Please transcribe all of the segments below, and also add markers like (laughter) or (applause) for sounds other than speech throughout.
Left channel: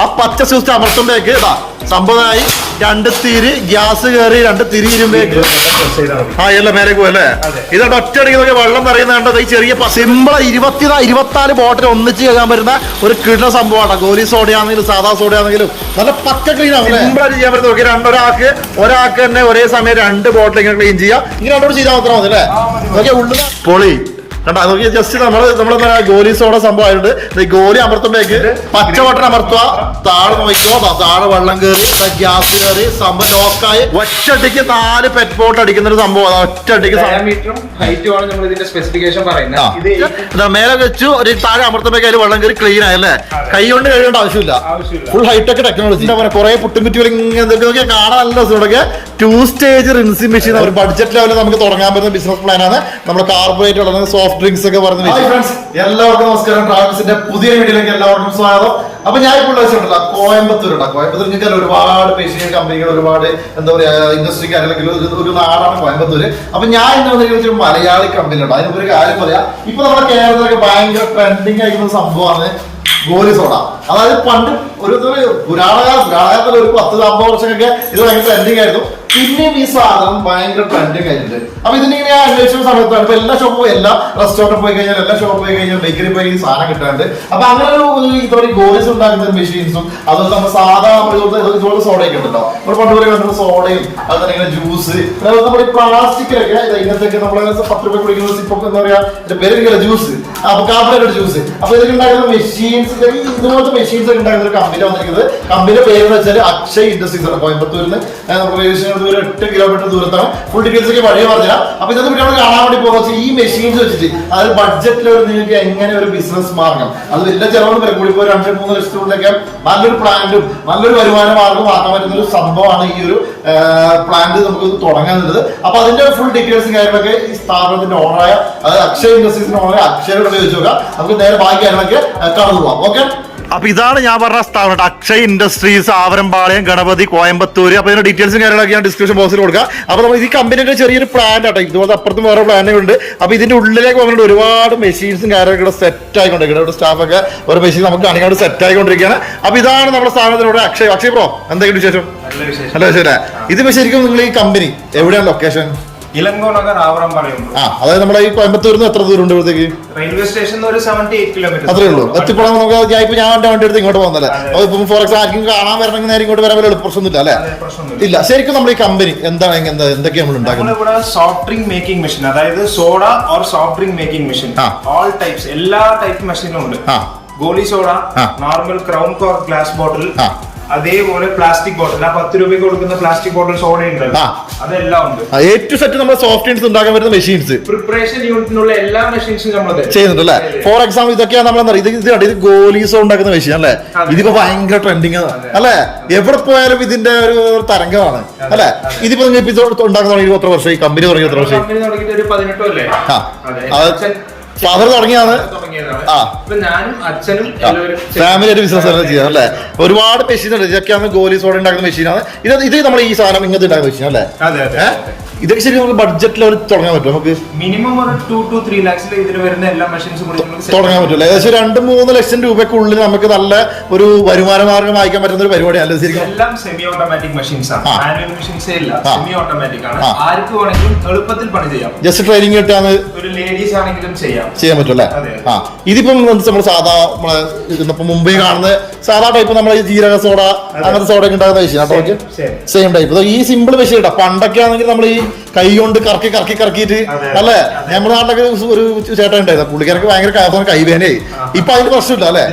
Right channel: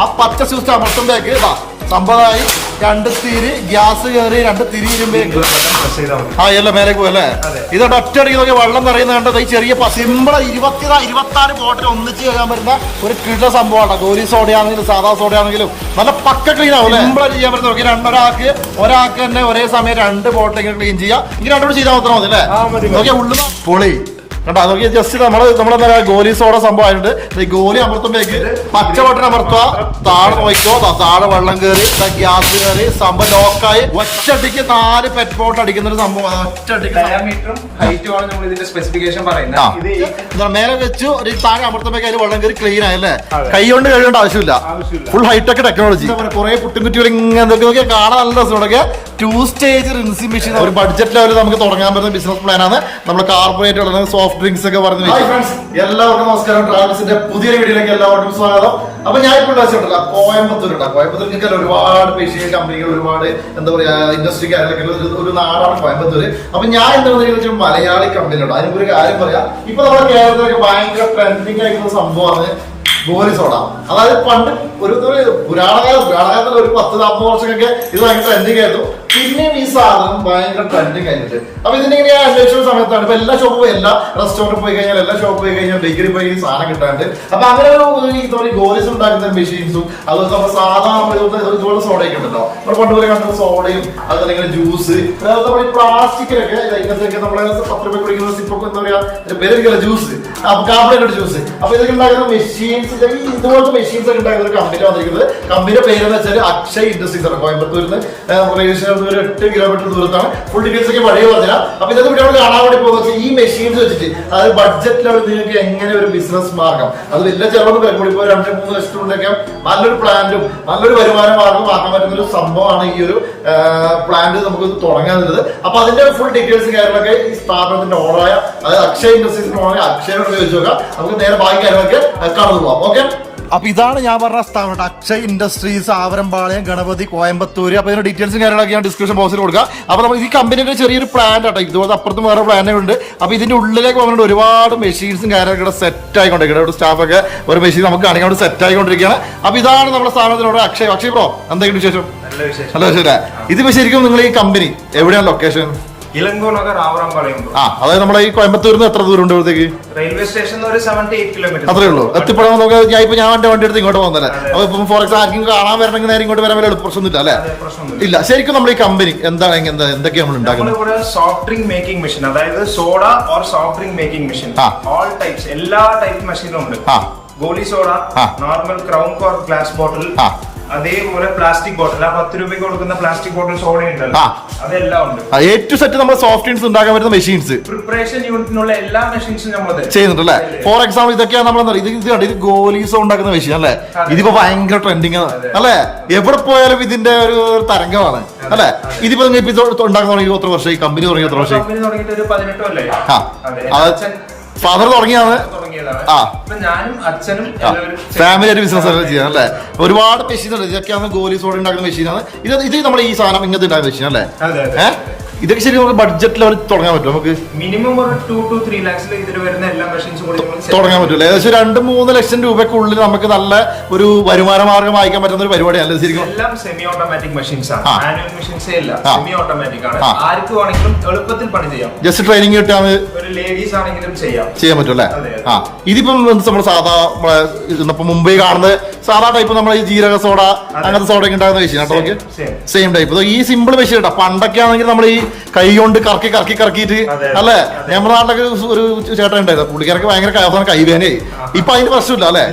ആ പച്ച സ്വിച്ച് അമർത്തുമ്പോഴേക്ക് ഇതാ സംഭവമായി രണ്ട് തിരി ഗ്യാസ് കയറി രണ്ട് തിരി ഇരുമ്പേക്ക് ആ എല്ലാം മേലേക്ക് അതെ. ഇതോട്ട് ഒറ്റയടിക്ക് നോക്കി വെള്ളം നിറയുന്ന കണ്ടത് ഈ ചെറിയ സിമ്പിൾ ഇരുപത്തി ഇരുപത്തിനാല് ബോട്ടിൽ ഒന്നിച്ച് ചെയ്യാൻ പറ്റുന്ന ഒരു കിട സംഭവമാണ് ഗോലി സോഡ ആണെങ്കിലും സാധാ സോഡ ആണെങ്കിലും നല്ല പക്ക ക്ലീൻ ആവും സിമ്പിൾ ആയിട്ട് ചെയ്യാൻ പറ്റുന്ന നോക്കി. രണ്ടൊരാൾക്ക് ഒരാൾക്ക് തന്നെ ഒരേ സമയം രണ്ട് ബോട്ടിൽ ഇങ്ങനെ ക്ലീൻ ചെയ്യാം. ഇങ്ങനെ രണ്ടോട് ചെയ്താൽ മാത്രം മതി അല്ലേ? നോക്കിയാൽ. ഉള്ളിൽ പൊളി. കണ്ടാ നോക്കി ജസ്റ്റ് നമ്മൾ നമ്മളെന്താ ഗോലി സോഡ സംഭവം ആയിട്ട് ഈ ഗോലി അമർത്തുമ്പോഴേക്ക് പച്ച ബട്ടൺ അമർത്തുക. താഴെ നോക്കിക്കോ താഴെ വെള്ളം കയറി ഗ്യാസ് കയറി സംഭവം ലോക്കായി. ഒറ്റടിക്ക് നാല് പെറ്റ് ബോട്ട് അടിക്കുന്ന ഒരു സംഭവം ഒറ്റടിക്ക് നമ്മൾ മേലെ വെച്ചു ഒരു താഴെ അമർത്തുമ്പോഴേക്ക് അതിൽ വെള്ളം കയറി ക്ലീൻ ആയല്ലേ കൈ കൊണ്ട് കഴുകേണ്ട ആവശ്യമില്ല. ഫുൾ ഹൈടെക് ടെക്നോളജി എന്താ പറയുക കുറെ പുട്ടും കുറ്റികൾ ഇങ്ങനെ കാണാൻ നല്ല രസമുണ്ടൊക്കെ ടു സ്റ്റേജ് റിൻസിംഗ് മെഷീൻ ഒരു ബഡ്ജറ്റ് ലെവലിൽ നമുക്ക് തുടങ്ങാൻ പറ്റുന്ന ബിസിനസ് പ്ലാൻ ആണ്. നമ്മുടെ കാർബറേറ്റ് ഉള്ളത് സോഫ്റ്റ് ഡ്രിങ്ക്സ് ഒക്കെ പറയുന്ന എല്ലാവർക്കും നമസ്കാരം. ട്രാവൽസിന്റെ പുതിയ വീഡിയോയിലേക്ക് എല്ലാവർക്കും സ്വാഗതം. അപ്പൊ ഞാൻ ഇപ്പോൾ വെച്ചിട്ടുള്ള കോയമ്പത്തൂരുണ്ട് കോയമ്പത്തൂർ നിങ്ങൾക്ക് ഒരുപാട് പേശിയ കമ്പനികൾ ഒരുപാട് എന്താ പറയാ ഇൻഡസ്ട്രി അല്ലെങ്കിൽ ഒരു- നാടാണ് കോയമ്പത്തൂർ അപ്പൊ ഞാൻ എന്താ പറയുക മലയാളി കമ്പനി ഉണ്ട് അതിനൊരു കാര്യം പറയാം. ഇപ്പൊ നമ്മുടെ കേരളത്തിലൊക്കെ ഭയങ്കര ട്രെൻഡിങ് ആയിട്ടുള്ള സംഭവമാണ് ഗോലി സോഡ. അതായത് പണ്ട് ഒരു പുരാണകാല പുരാണകാലത്തിൽ ഒരു പത്ത് നാൽപ്പത് വർഷമൊക്കെ ഇത് ഭയങ്കര ട്രെൻഡിങ് ആയിരുന്നു. പിന്നെയും ഈ സാധനം ഭയങ്കര ട്രെൻഡിങ് ആയിട്ടുണ്ട് അപ്പൊ ഇതിനിങ്ങനെ ഞാൻ അന്വേഷിച്ച സമയത്താണ് ഇപ്പൊ എല്ലാ ഷോപ്പും എല്ലാ റെസ്റ്റോറന്റ് പോയി കഴിഞ്ഞാൽ എല്ലാ ഷോപ്പ് പോയി കഴിഞ്ഞാൽ ബേക്കറി പോയി സാധനം കിട്ടാണ്ട്. അപ്പൊ അങ്ങനെ ഒരു ഇതുപോലെ ഗോലിസ് ഉണ്ടാക്കുന്ന മെഷീൻസും അതൊക്കെ നമ്മൾ സാധാ ഇതുപോലെ സോഡയൊക്കെ ഉണ്ടല്ലോ. നമ്മൾ പണ്ട് പോലെ കണ്ട സോഡയും അതുപോലെ ഇങ്ങനെ ജ്യൂസ് നമ്മുടെ പ്ലാസ്റ്റിക്കിലൊക്കെ ഇങ്ങനത്തേക്ക് നമ്മൾ പത്ത് രൂപ കുടിക്കുന്ന സിപ്പൊക്കെ എന്താ പറയാ പേര് ജ്യൂസ് അപ്പൊ കാപ്പിലൊക്കെ ജ്യൂസ് അപ്പൊ ഇതൊക്കെ ഉണ്ടാക്കുന്ന മെഷീൻസ് ഇതുപോലത്തെ മെഷീൻസ് ഒക്കെ ഉണ്ടാക്കുന്ന ഒരു കമ്പനി വന്നിരിക്കുന്നത്. കമ്പനിയുടെ പേര് എന്ന് വെച്ചാൽ അക്ഷയ് ഇൻഡസ്ട്രീസ് ആണ്. കോയമ്പത്തൂരിൽ ഒരു എട്ട് കിലോമീറ്റർ ദൂരത്താണ്. ഫുൾ ഡീറ്റെയിൽസ് ഒക്കെ വഴിയെ പറഞ്ഞില്ല അപ്പൊ ഇതൊക്കെ വീഡിയോ കാണാൻ വേണ്ടി പോകുന്ന ഈ മെഷീൻസ് വെച്ചിട്ട് അതായത് ബഡ്ജറ്റിലൊരു നിങ്ങൾക്ക് എങ്ങനെ ഒരു ബിസിനസ് മാർഗം. അത് വലിയ ചെലവൊന്നും വരും ഇപ്പോൾ രണ്ട് മൂന്ന് ലക്ഷത്തിലൂടെയൊക്കെ നല്ലൊരു പ്ലാന്റും നല്ലൊരു വരുമാന മാർഗം ആക്കാൻ പറ്റുന്ന ഒരു സംഭവമാണ് ഈ ഒരു പ്ലാന്റ് നമുക്ക് തുടങ്ങാനുള്ളത് അപ്പൊ അതിന്റെ ഫുൾ ഡീറ്റെയിൽസ് കാര്യങ്ങളൊക്കെ ഈ സ്ഥാപനത്തിന്റെ ഓണറായ അതായത് അക്ഷയ ഇൻഡസ്ട്രീസിന്റെ ഓണറായ അക്ഷയോട് ചോദിച്ചു നോക്കാം. നമുക്ക് നേരെ ബാക്കി കാര്യങ്ങളൊക്കെ കടന്നു പോകാം ഓക്കെ അപ്പൊ ഇതാണ് ഞാൻ പറഞ്ഞ സ്ഥാപനം അക്ഷയ് ഇൻഡസ്ട്രീസ് ആവരമ്പാളയം ഗണപതി കോയമ്പത്തൂർ അപ്പൊ ഇതിന്റെ ഡീറ്റെയിൽസും കാര്യങ്ങളൊക്കെ ഞാൻ ഡിസ്ക്രിപ്ഷൻ ബോക്സിൽ കൊടുക്കുക അപ്പൊ നമ്മൾ ഈ കമ്പനിയുടെ ചെറിയൊരു പ്ലാൻ ആട്ടോ. ഇതുപോലെ അപ്പുറത്തും വേറെ പ്ലാനുകളുണ്ട് അപ്പൊ ഇതിന്റെ ഉള്ളിലേക്ക് വന്നിട്ട് ഒരുപാട് മെഷീൻസും കാര്യങ്ങളൊക്കെ ഇവിടെ സെറ്റ് ആയിക്കൊണ്ടിരിക്കുന്നത് ഇവിടെ സ്റ്റാഫൊക്കെ ഒരു മെഷീൻ നമുക്ക് കാണിക്കാൻ സെറ്റ് ആയിക്കൊണ്ടിരിക്കുകയാണ്. അപ്പൊ ഇതാണ് നമ്മുടെ സ്ഥാപനത്തിലൂടെ അക്ഷയ്. അക്ഷയ് ബ്രോ എന്തെങ്കിലും വിശേഷം? നല്ല വിശേഷം. ഇത് ശരിക്കും നിങ്ങൾ ഈ കമ്പനി എവിടെയാണ് ലൊക്കേഷൻ ആ അതായത് നമ്മുടെ ഈ കോയമ്പത്തൂരിൽ നിന്ന് എത്ര ദൂരം ഉണ്ട് ഇവിടത്തേക്ക്? റെയിൽവേ സ്റ്റേഷൻ ഒരു കിലോമീറ്റർ അത്രേ ഉള്ളൂ. എത്തിപ്പെടാൻ നമുക്ക് ഞാൻ ഇപ്പൊ ഞാൻ എന്റെ വണ്ടി എടുത്ത് ഇങ്ങോട്ട് പോകുന്നല്ലേ അപ്പൊ ഇപ്പം ഫോർ എക്സാം ആർക്കും കാണാൻ വരണമെങ്കിൽ നേരെ ഇങ്ങോട്ട് വരാൻ വലിയ പ്രശ്നമൊന്നുമില്ല അല്ലേ? ഇല്ല ശരിക്കും നമ്മൾ ഈ കമ്പനി എന്താണ് എന്താ എന്തൊക്കെയാണ് നമ്മൾ ഉണ്ടാക്കുന്നത്? നമ്മളിവിടെ സോഫ്റ്റ് ഡ്രിങ്ക് മേക്കിംഗ് മെഷീൻ അതായത് soda or soft drink making machine. All types എല്ലാ ടൈപ്പ് മെഷീനും ഉണ്ട്. Goli soda normal crown cork glass bottle ആ. അതേപോലെ പ്ലാസ്റ്റിക് ബോട്ടിൽ ആ പത്ത് രൂപയ്ക്ക് കൊടുക്കുന്ന പ്ലാസ്റ്റിക് ബോട്ടിൽ സോഡ ഉണ്ടല്ലോ. അതെല്ലാം ഉണ്ട്. എ ടു സെറ്റ് നമ്മൾ സോഫ്റ്റ് ഡ്രിങ്ക്സ് ഉണ്ടാക്കാൻ പറ്റുന്ന മെഷീൻസ് പ്രിപ്പറേഷൻ യൂണിറ്റിനുള്ള എല്ലാ മെഷീൻസും നമ്മൾ ചെയ്യുന്നുണ്ട് അല്ലേ? ഫോർ എക്സാമ്പിൾ ഇതൊക്കെയാണ് നമ്മൾ ഇത് ഇത് ഇത് ഗോലീസോ ഉണ്ടാക്കുന്ന മെഷീൻ അല്ലേ. ഇതിപ്പോ ഭയങ്കര ട്രെൻഡിങ്. അല്ലേ? എവിടെ പോയാലും ഇതിന്റെ ഒരു തരംഗമാണ്. അല്ലേ? ഇതിപ്പോ നിങ്ങൾ ഇപ്പൊ ഉണ്ടാക്കുന്ന എത്ര വർഷം ഈ കമ്പനി തുടങ്ങി എത്ര വർഷം കമ്പനി തുടങ്ങിയിട്ട് ഒരു പതിനെട്ട് അല്ലേ ആ. ഫാദർ തുടങ്ങിയാണ് ആ. ഫാമിലി ഒരു ബിസിനസ് ചെയ്യാം അല്ലേ? ഒരുപാട് മെഷീൻ ഉണ്ട്. ഇതൊക്കെയാണ് ഗോലി സോഡ ഉണ്ടാക്കുന്ന മെഷീനാണ് ഇത് ഇത് നമ്മൾ ഈ സാധനം ഇങ്ങനത്തെ ഉണ്ടാക്കുന്ന മെഷീൻ അല്ലേ? ഇതൊക്കെ ശരി നമുക്ക് ബഡ്ജറ്റ് ലെവൽ തുടങ്ങാൻ പറ്റും. നമുക്ക് മിനിമം ഒരു ടു ടു ത്രീ ലാക്സിൽ ഇതിൽ വരുന്ന എല്ലാ മെഷീൻസും കൂടി നമുക്ക് തുടങ്ങാൻ പറ്റില്ല ഏകദേശം രണ്ട് മൂന്ന് ലക്ഷം രൂപയ്ക്കുള്ളിൽ നമുക്ക് നല്ല ഒരു വരുമാന മാർഗം വായിക്കാൻ പറ്റുന്ന ഒരു പരിപാടിയാണ് ശരിക്കും? എല്ലാം സെമി ഓട്ടോമാറ്റിക് മെഷീൻസ് ആണ്. മാനുവൽ മെഷീൻസേ ഇല്ല. സെമി ഓട്ടോമാറ്റിക് ആണ്. ആർക്ക് വേണമെങ്കിലും എളുപ്പത്തിൽ പണി ചെയ്യാം. ജസ്റ്റ് ട്രെയിനിങ് കിട്ടിയാൽ ഒരു ലേഡീസ് ആണെങ്കിലും ചെയ്യാം. ചെയ്യാൻ പറ്റും അല്ലേ? അതെ. ആ. ഇതിപ്പം നമ്മൾ സാധാ നമ്മളെ ഇന്നിപ്പോ മുംബൈ കാണുന്ന സാധാ ടൈപ്പ് നമ്മളെ ഈ ജീരക സോഡ അങ്ങനത്തെ സോഡ ഒക്കെ ഉണ്ടാകുന്ന മെഷീൻ കേട്ടോ. സെയിം ടൈപ്പ് ഈ സിമ്പിൾ മെഷീൻ കേട്ടോ. പണ്ടൊക്കെ ആണെങ്കിൽ നമ്മൾ ഈ കൈ കൊണ്ട് കറക്കി കറക്കി കറക്കിയിട്ട് അല്ലെ? നമ്മുടെ നാട്ടിലൊക്കെ ഒരു ചേട്ടൻ ഉണ്ടായിരുന്നു പുള്ളിക്കാർക്ക് ഭയങ്കര അവസാനം കൈവേനയായി ഇപ്പൊ അതിന്റെ പ്രശ്നമില്ല അല്ലേ?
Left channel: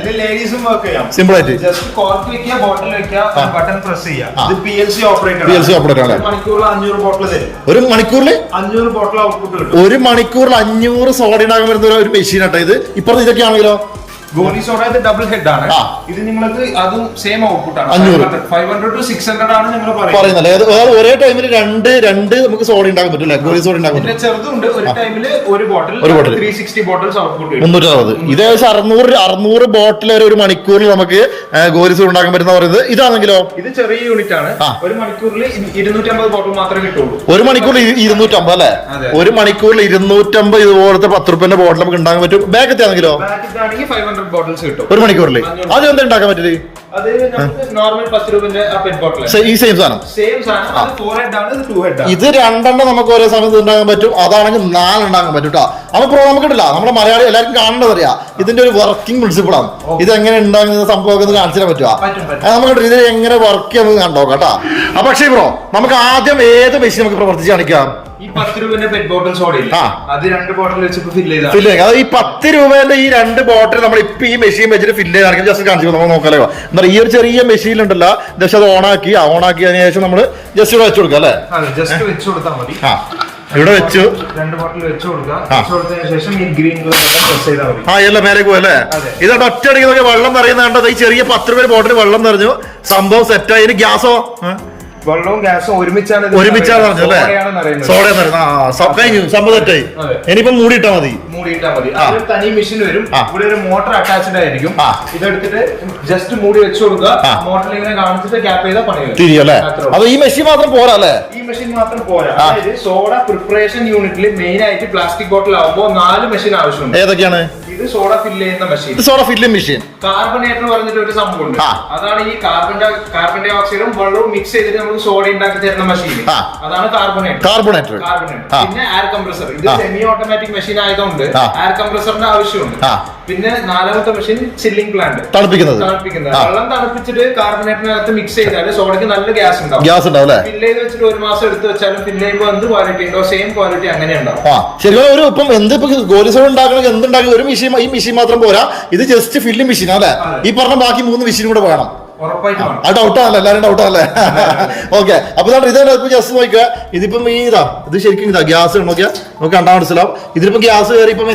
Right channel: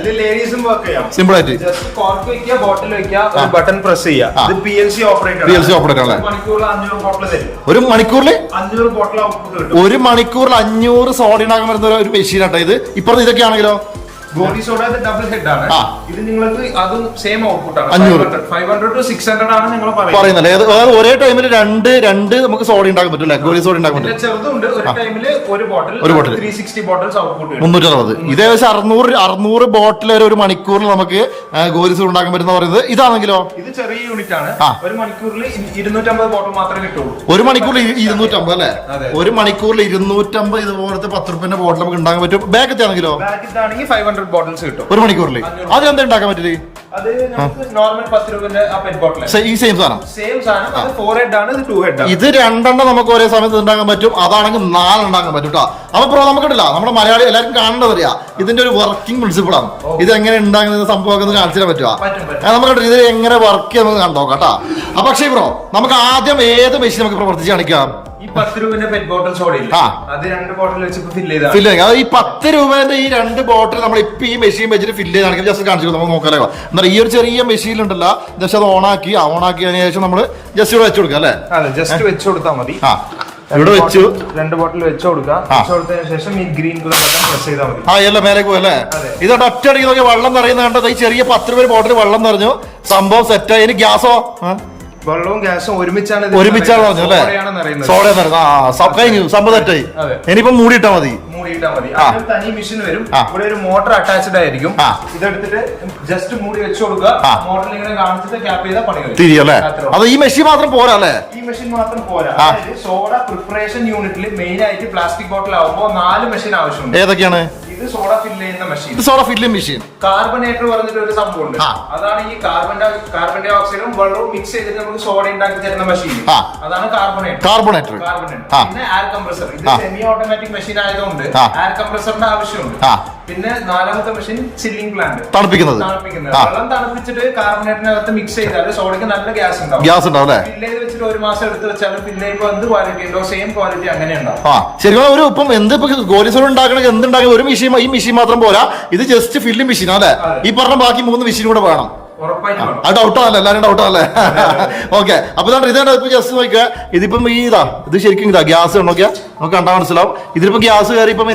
സിമ്പിൾ ആയിട്ട്. ബട്ടൺ പ്രസ് ചെയ്യുക. ഇത് പി എൽ സി ഓപ്പറേറ്റർ അല്ലേ? ഒരു മണിക്കൂറിൽ ഒരു മണിക്കൂറിൽ അഞ്ഞൂറ് സോഡ ഉണ്ടാക്കാൻ പറ്റുന്ന ഒരു- ഒരു മെഷീൻ ആട്ടോ ഇത്. ഇപ്പുറത്ത് ഇതൊക്കെ ആണെങ്കിലോ? ഗോലി സോഡ ഇത് ഡബിൾ ഹെഡ് ആണ്. ഇത് നിങ്ങൾക്ക് അതും സെയിം ഔട്ട്പുട്ട് ആണ്. അഞ്ഞൂറ്. Five hundred to six hundred ആണ് നിങ്ങൾ പറയുന്നത്. അതായത് ഒരേ ടൈമിൽ രണ്ട് രണ്ട് നമുക്ക് സോഡ ഉണ്ടാക്കാൻ പറ്റില്ല? ഗോലി സോഡ ഉണ്ടാക്കാൻ പറ്റും. ചെറുതുണ്ട്. ഒരു ടൈമിൽ ഒരു ബോട്ടിൽ ഒരു bottle. Three sixty bottles output മുന്നൂറ്റി അറുപത്. ഇത് ഏകദേശം അറുന്നൂറ് അറുന്നൂറ് ബോട്ടിൽ വരെ ഒരു മണിക്കൂറിൽ നമുക്ക് ഗോലി സോഡ ഉണ്ടാക്കാൻ പറ്റുന്ന പറയുന്നത്. ഇതാണെങ്കിലോ? ഇത് ചെറിയ യൂണിറ്റ് ആണ്. ഒരു മണിക്കൂറിൽ ഇരുന്നൂറ്റമ്പത് ബോട്ടിൽ മാത്രമേ കിട്ടുള്ളൂ. ഒരു മണിക്കൂറിൽ ഇരു- ഇരുന്നൂറ്റമ്പത് അല്ലേ? ഒരു മണിക്കൂറിൽ ഇരുന്നൂറ്റമ്പത് ഇതുപോലത്തെ പത്ത് റുപ്യന്റെ ബോട്ടിൽ നമുക്ക് ഉണ്ടാക്കാൻ പറ്റും. ബാക്കത്തെ ആണെങ്കിലോ ഫൈവ് ഹൺഡ്രഡ് ബോട്ടിൽസ് കിട്ടും. ഒരു മണിക്കൂറിൽ ഉണ്ടാക്കാൻ അത് എന്താ നോർമൽ പത്ത് രൂപന്റെ ആ പെറ്റ് ബോട്ടിൽ ഈ സെയിം സാധനം? ഇത് രണ്ടെണ്ണം നമുക്ക് ഒരേ സമയത്ത് ഉണ്ടാക്കാൻ പറ്റും. അതാണെങ്കിൽ നാലുണ്ടാക്കാൻ പറ്റും കേട്ടോ അപ്പൊ പ്രോ നമുക്കിട്ടില്ല നമ്മുടെ മലയാളി എല്ലാവർക്കും കാണേണ്ടത് അറിയാം. ഇതിന്റെ ഒരു വർക്കിംഗ് പ്രിൻസിപ്പിൾ ആണ്. ഇത് എങ്ങനെ ഉണ്ടാകുന്ന സംഭവമൊക്കെ ഒന്ന് കാണിച്ചു തരാൻ പറ്റുമോ നമുക്ക് ഇത് എങ്ങനെ വർക്ക് ചെയ്യാൻ നമുക്ക് കണ്ടോ കേട്ടോ അപ്പൊ പക്ഷേ ബ്രോ നമുക്ക് ആദ്യം ഏത് മെഷീൻ നമുക്ക് പ്രവർത്തിച്ച് കാണിക്കാം? ഈ ഫില്ല് അത് ഈ പത്ത് രൂപേന്റെ ഈ രണ്ട് ബോട്ടിൽ നമ്മൾ ഇപ്പൊ ഈ മെഷീൻ വെച്ചിട്ട് ഫില്ല് ചെയ്ത്. കാണിക്കും ജസ്റ്റ് കാണിച്ചു നമ്മൾ നോക്കാലോ എന്നാൽ ഈ ഒരു ചെറിയ മെഷീൻ ഉണ്ടല്ലോ. ജസ്റ്റ് അത് ഓണാക്കി ഓണാക്കിയതിനു ശേഷം നമ്മൾ ജസ്റ്റ് ഇവിടെ വെച്ച് കൊടുക്കാം അല്ലേ? ജസ്റ്റ് വെച്ചു കൊടുത്താൽ മതി. ആ. ഇവിടെ വെച്ചു. രണ്ട് ബോട്ടിൽ വെച്ചു കൊടുക്കാം. ശേഷം ഈ ഗ്രീൻ കളർ ബട്ടൺ പ്രസ് ചെയ്താൽ മതി. ആ എല്ലാം മേലേക്ക് പോയി അതെ. ഇതോട്ട് ഒറ്റ അടിക്കുന്നൊക്കെ വെള്ളം നിറയുന്ന കണ്ടത്. ഈ ചെറിയ പത്ത് രൂപ ബോട്ടിൽ വെള്ളം നിറഞ്ഞു. സംഭവം സെറ്റായി ഗ്യാസോ? വെള്ളവും ഗ്യാസും ഒരുമിച്ചാണ് ഒരുമിച്ചാണ് പറഞ്ഞു അല്ലേ? സോഡയാണ് സം- കഴിഞ്ഞു അതെ. ഇനിയിപ്പം മൂടിയിട്ടാ മതി. മൂടിയിട്ടാ മതി. തനി മെഷീൻ വരും. ഇവിടെ ഒരു മോട്ടർ അറ്റാച്ച്ഡ് ആയിരിക്കും. ഇതെടുത്തിട്ട് ജസ്റ്റ് മൂടി വെച്ചു കൊടുക്കുക. മോട്ടറിൽ ഇങ്ങനെ കാണിച്ചിട്ട് ക്യാപ്പ് ചെയ്താൽ പണി. തിരിയല്ലേ അത്രേ അത് ഈ മെഷീൻ മാത്രം പോരാ അല്ലേ? ഈ മെഷീൻ മാത്രം പോരാ. സോഡ പ്രിപ്പറേഷൻ യൂണിറ്റിൽ മെയിൻ ആയിട്ട് പ്ലാസ്റ്റിക് ബോട്ടിൽ ആവുമ്പോൾ നാല് മെഷീൻ ആവശ്യമുണ്ട്. ഏതൊക്കെയാണ്? ഇത് സോഡ ഫില്ല് ചെയ്യുന്ന machine soda filling machine carbonator പറഞ്ഞിട്ട് ഒരു സംഭവം ഉണ്ട് ആ. അതാണ് ഈ കാർബൺ ഡൈ- കാർബൺ ഡൈ ഓക്സൈഡും വെള്ളവും മിക്സ് ചെയ്തിട്ട് നമുക്ക് സോഡ ഉണ്ടാക്കി തരുന്ന മെഷീൻ ആ. അതാണ് കാർബണേറ്റർ കാർബണേറ്റർ കാർബണേറ്റർ ആ. പിന്നെ എയർ കംപ്രസർ ഇത് ആ. സെമി ഓട്ടോമാറ്റിക് മെഷീൻ ആയതുകൊണ്ട് ആ. എയർ കംപ്രസറിന്റെ ആവശ്യമുണ്ട് ആ. പിന്നെ നാലാമത്തെ മെഷീൻ ചില്ലിംഗ് പ്ലാന്റ് തണുപ്പിക്കുന്നത്. തണുപ്പിക്കുന്നത്. വെള്ളം തണുപ്പിച്ചിട്ട് കാർബണേറ്റിനകത്ത് മിക്സ് ചെയ്താൽ സോഡയ്ക്ക് നല്ല ഗ്യാസ് ഉണ്ടാവും. ഗ്യാസ് ഉണ്ടാവും അല്ലേ? വെച്ചിട്ട് ഒരു മാസം എടുത്ത് വെച്ചാലും പിന്നെ ഇപ്പൊ എന്ത് ക്വാളിറ്റി ഉണ്ടോ? സെയിം ക്വാളിറ്റി അങ്ങനെ ഉണ്ടാവും. ആ. ശരിക്കും ഒരു ഇപ്പം എന്ത് ഇപ്പൊ ഗോലി സോഡ് ഉണ്ടാക്കണമെങ്കിൽ എന്ത് ഉണ്ടാക്കണം ഒരു മെഷീൻ ഈ മെഷീൻ മാത്രം പോരാ. ഇത് ജസ്റ്റ് ഫില്ലിംഗ് മെഷീൻ അല്ലേ? ഈ പറഞ്ഞ ബാക്കി മൂന്ന് മെഷീൻ കൂടെ വേണം. ആ ഡൗട്ടാണല്ലോ എല്ലാരും ഡൗട്ടാണല്ലേ ഓക്കെ അപ്പൊ ഇതാണ് ഇതാണ് ഇപ്പൊ ജസ്റ്റ് നോക്കുക. ഇതിപ്പം ഈ ഇതാ ഇത് ശരിക്കും ഇതാ ഗ്യാസ് നോക്കിയാ. നമുക്ക് കണ്ടാൽ മനസ്സിലാവും. ഇതിപ്പോ ഗ്യാസ് കയറി ഇപ്പം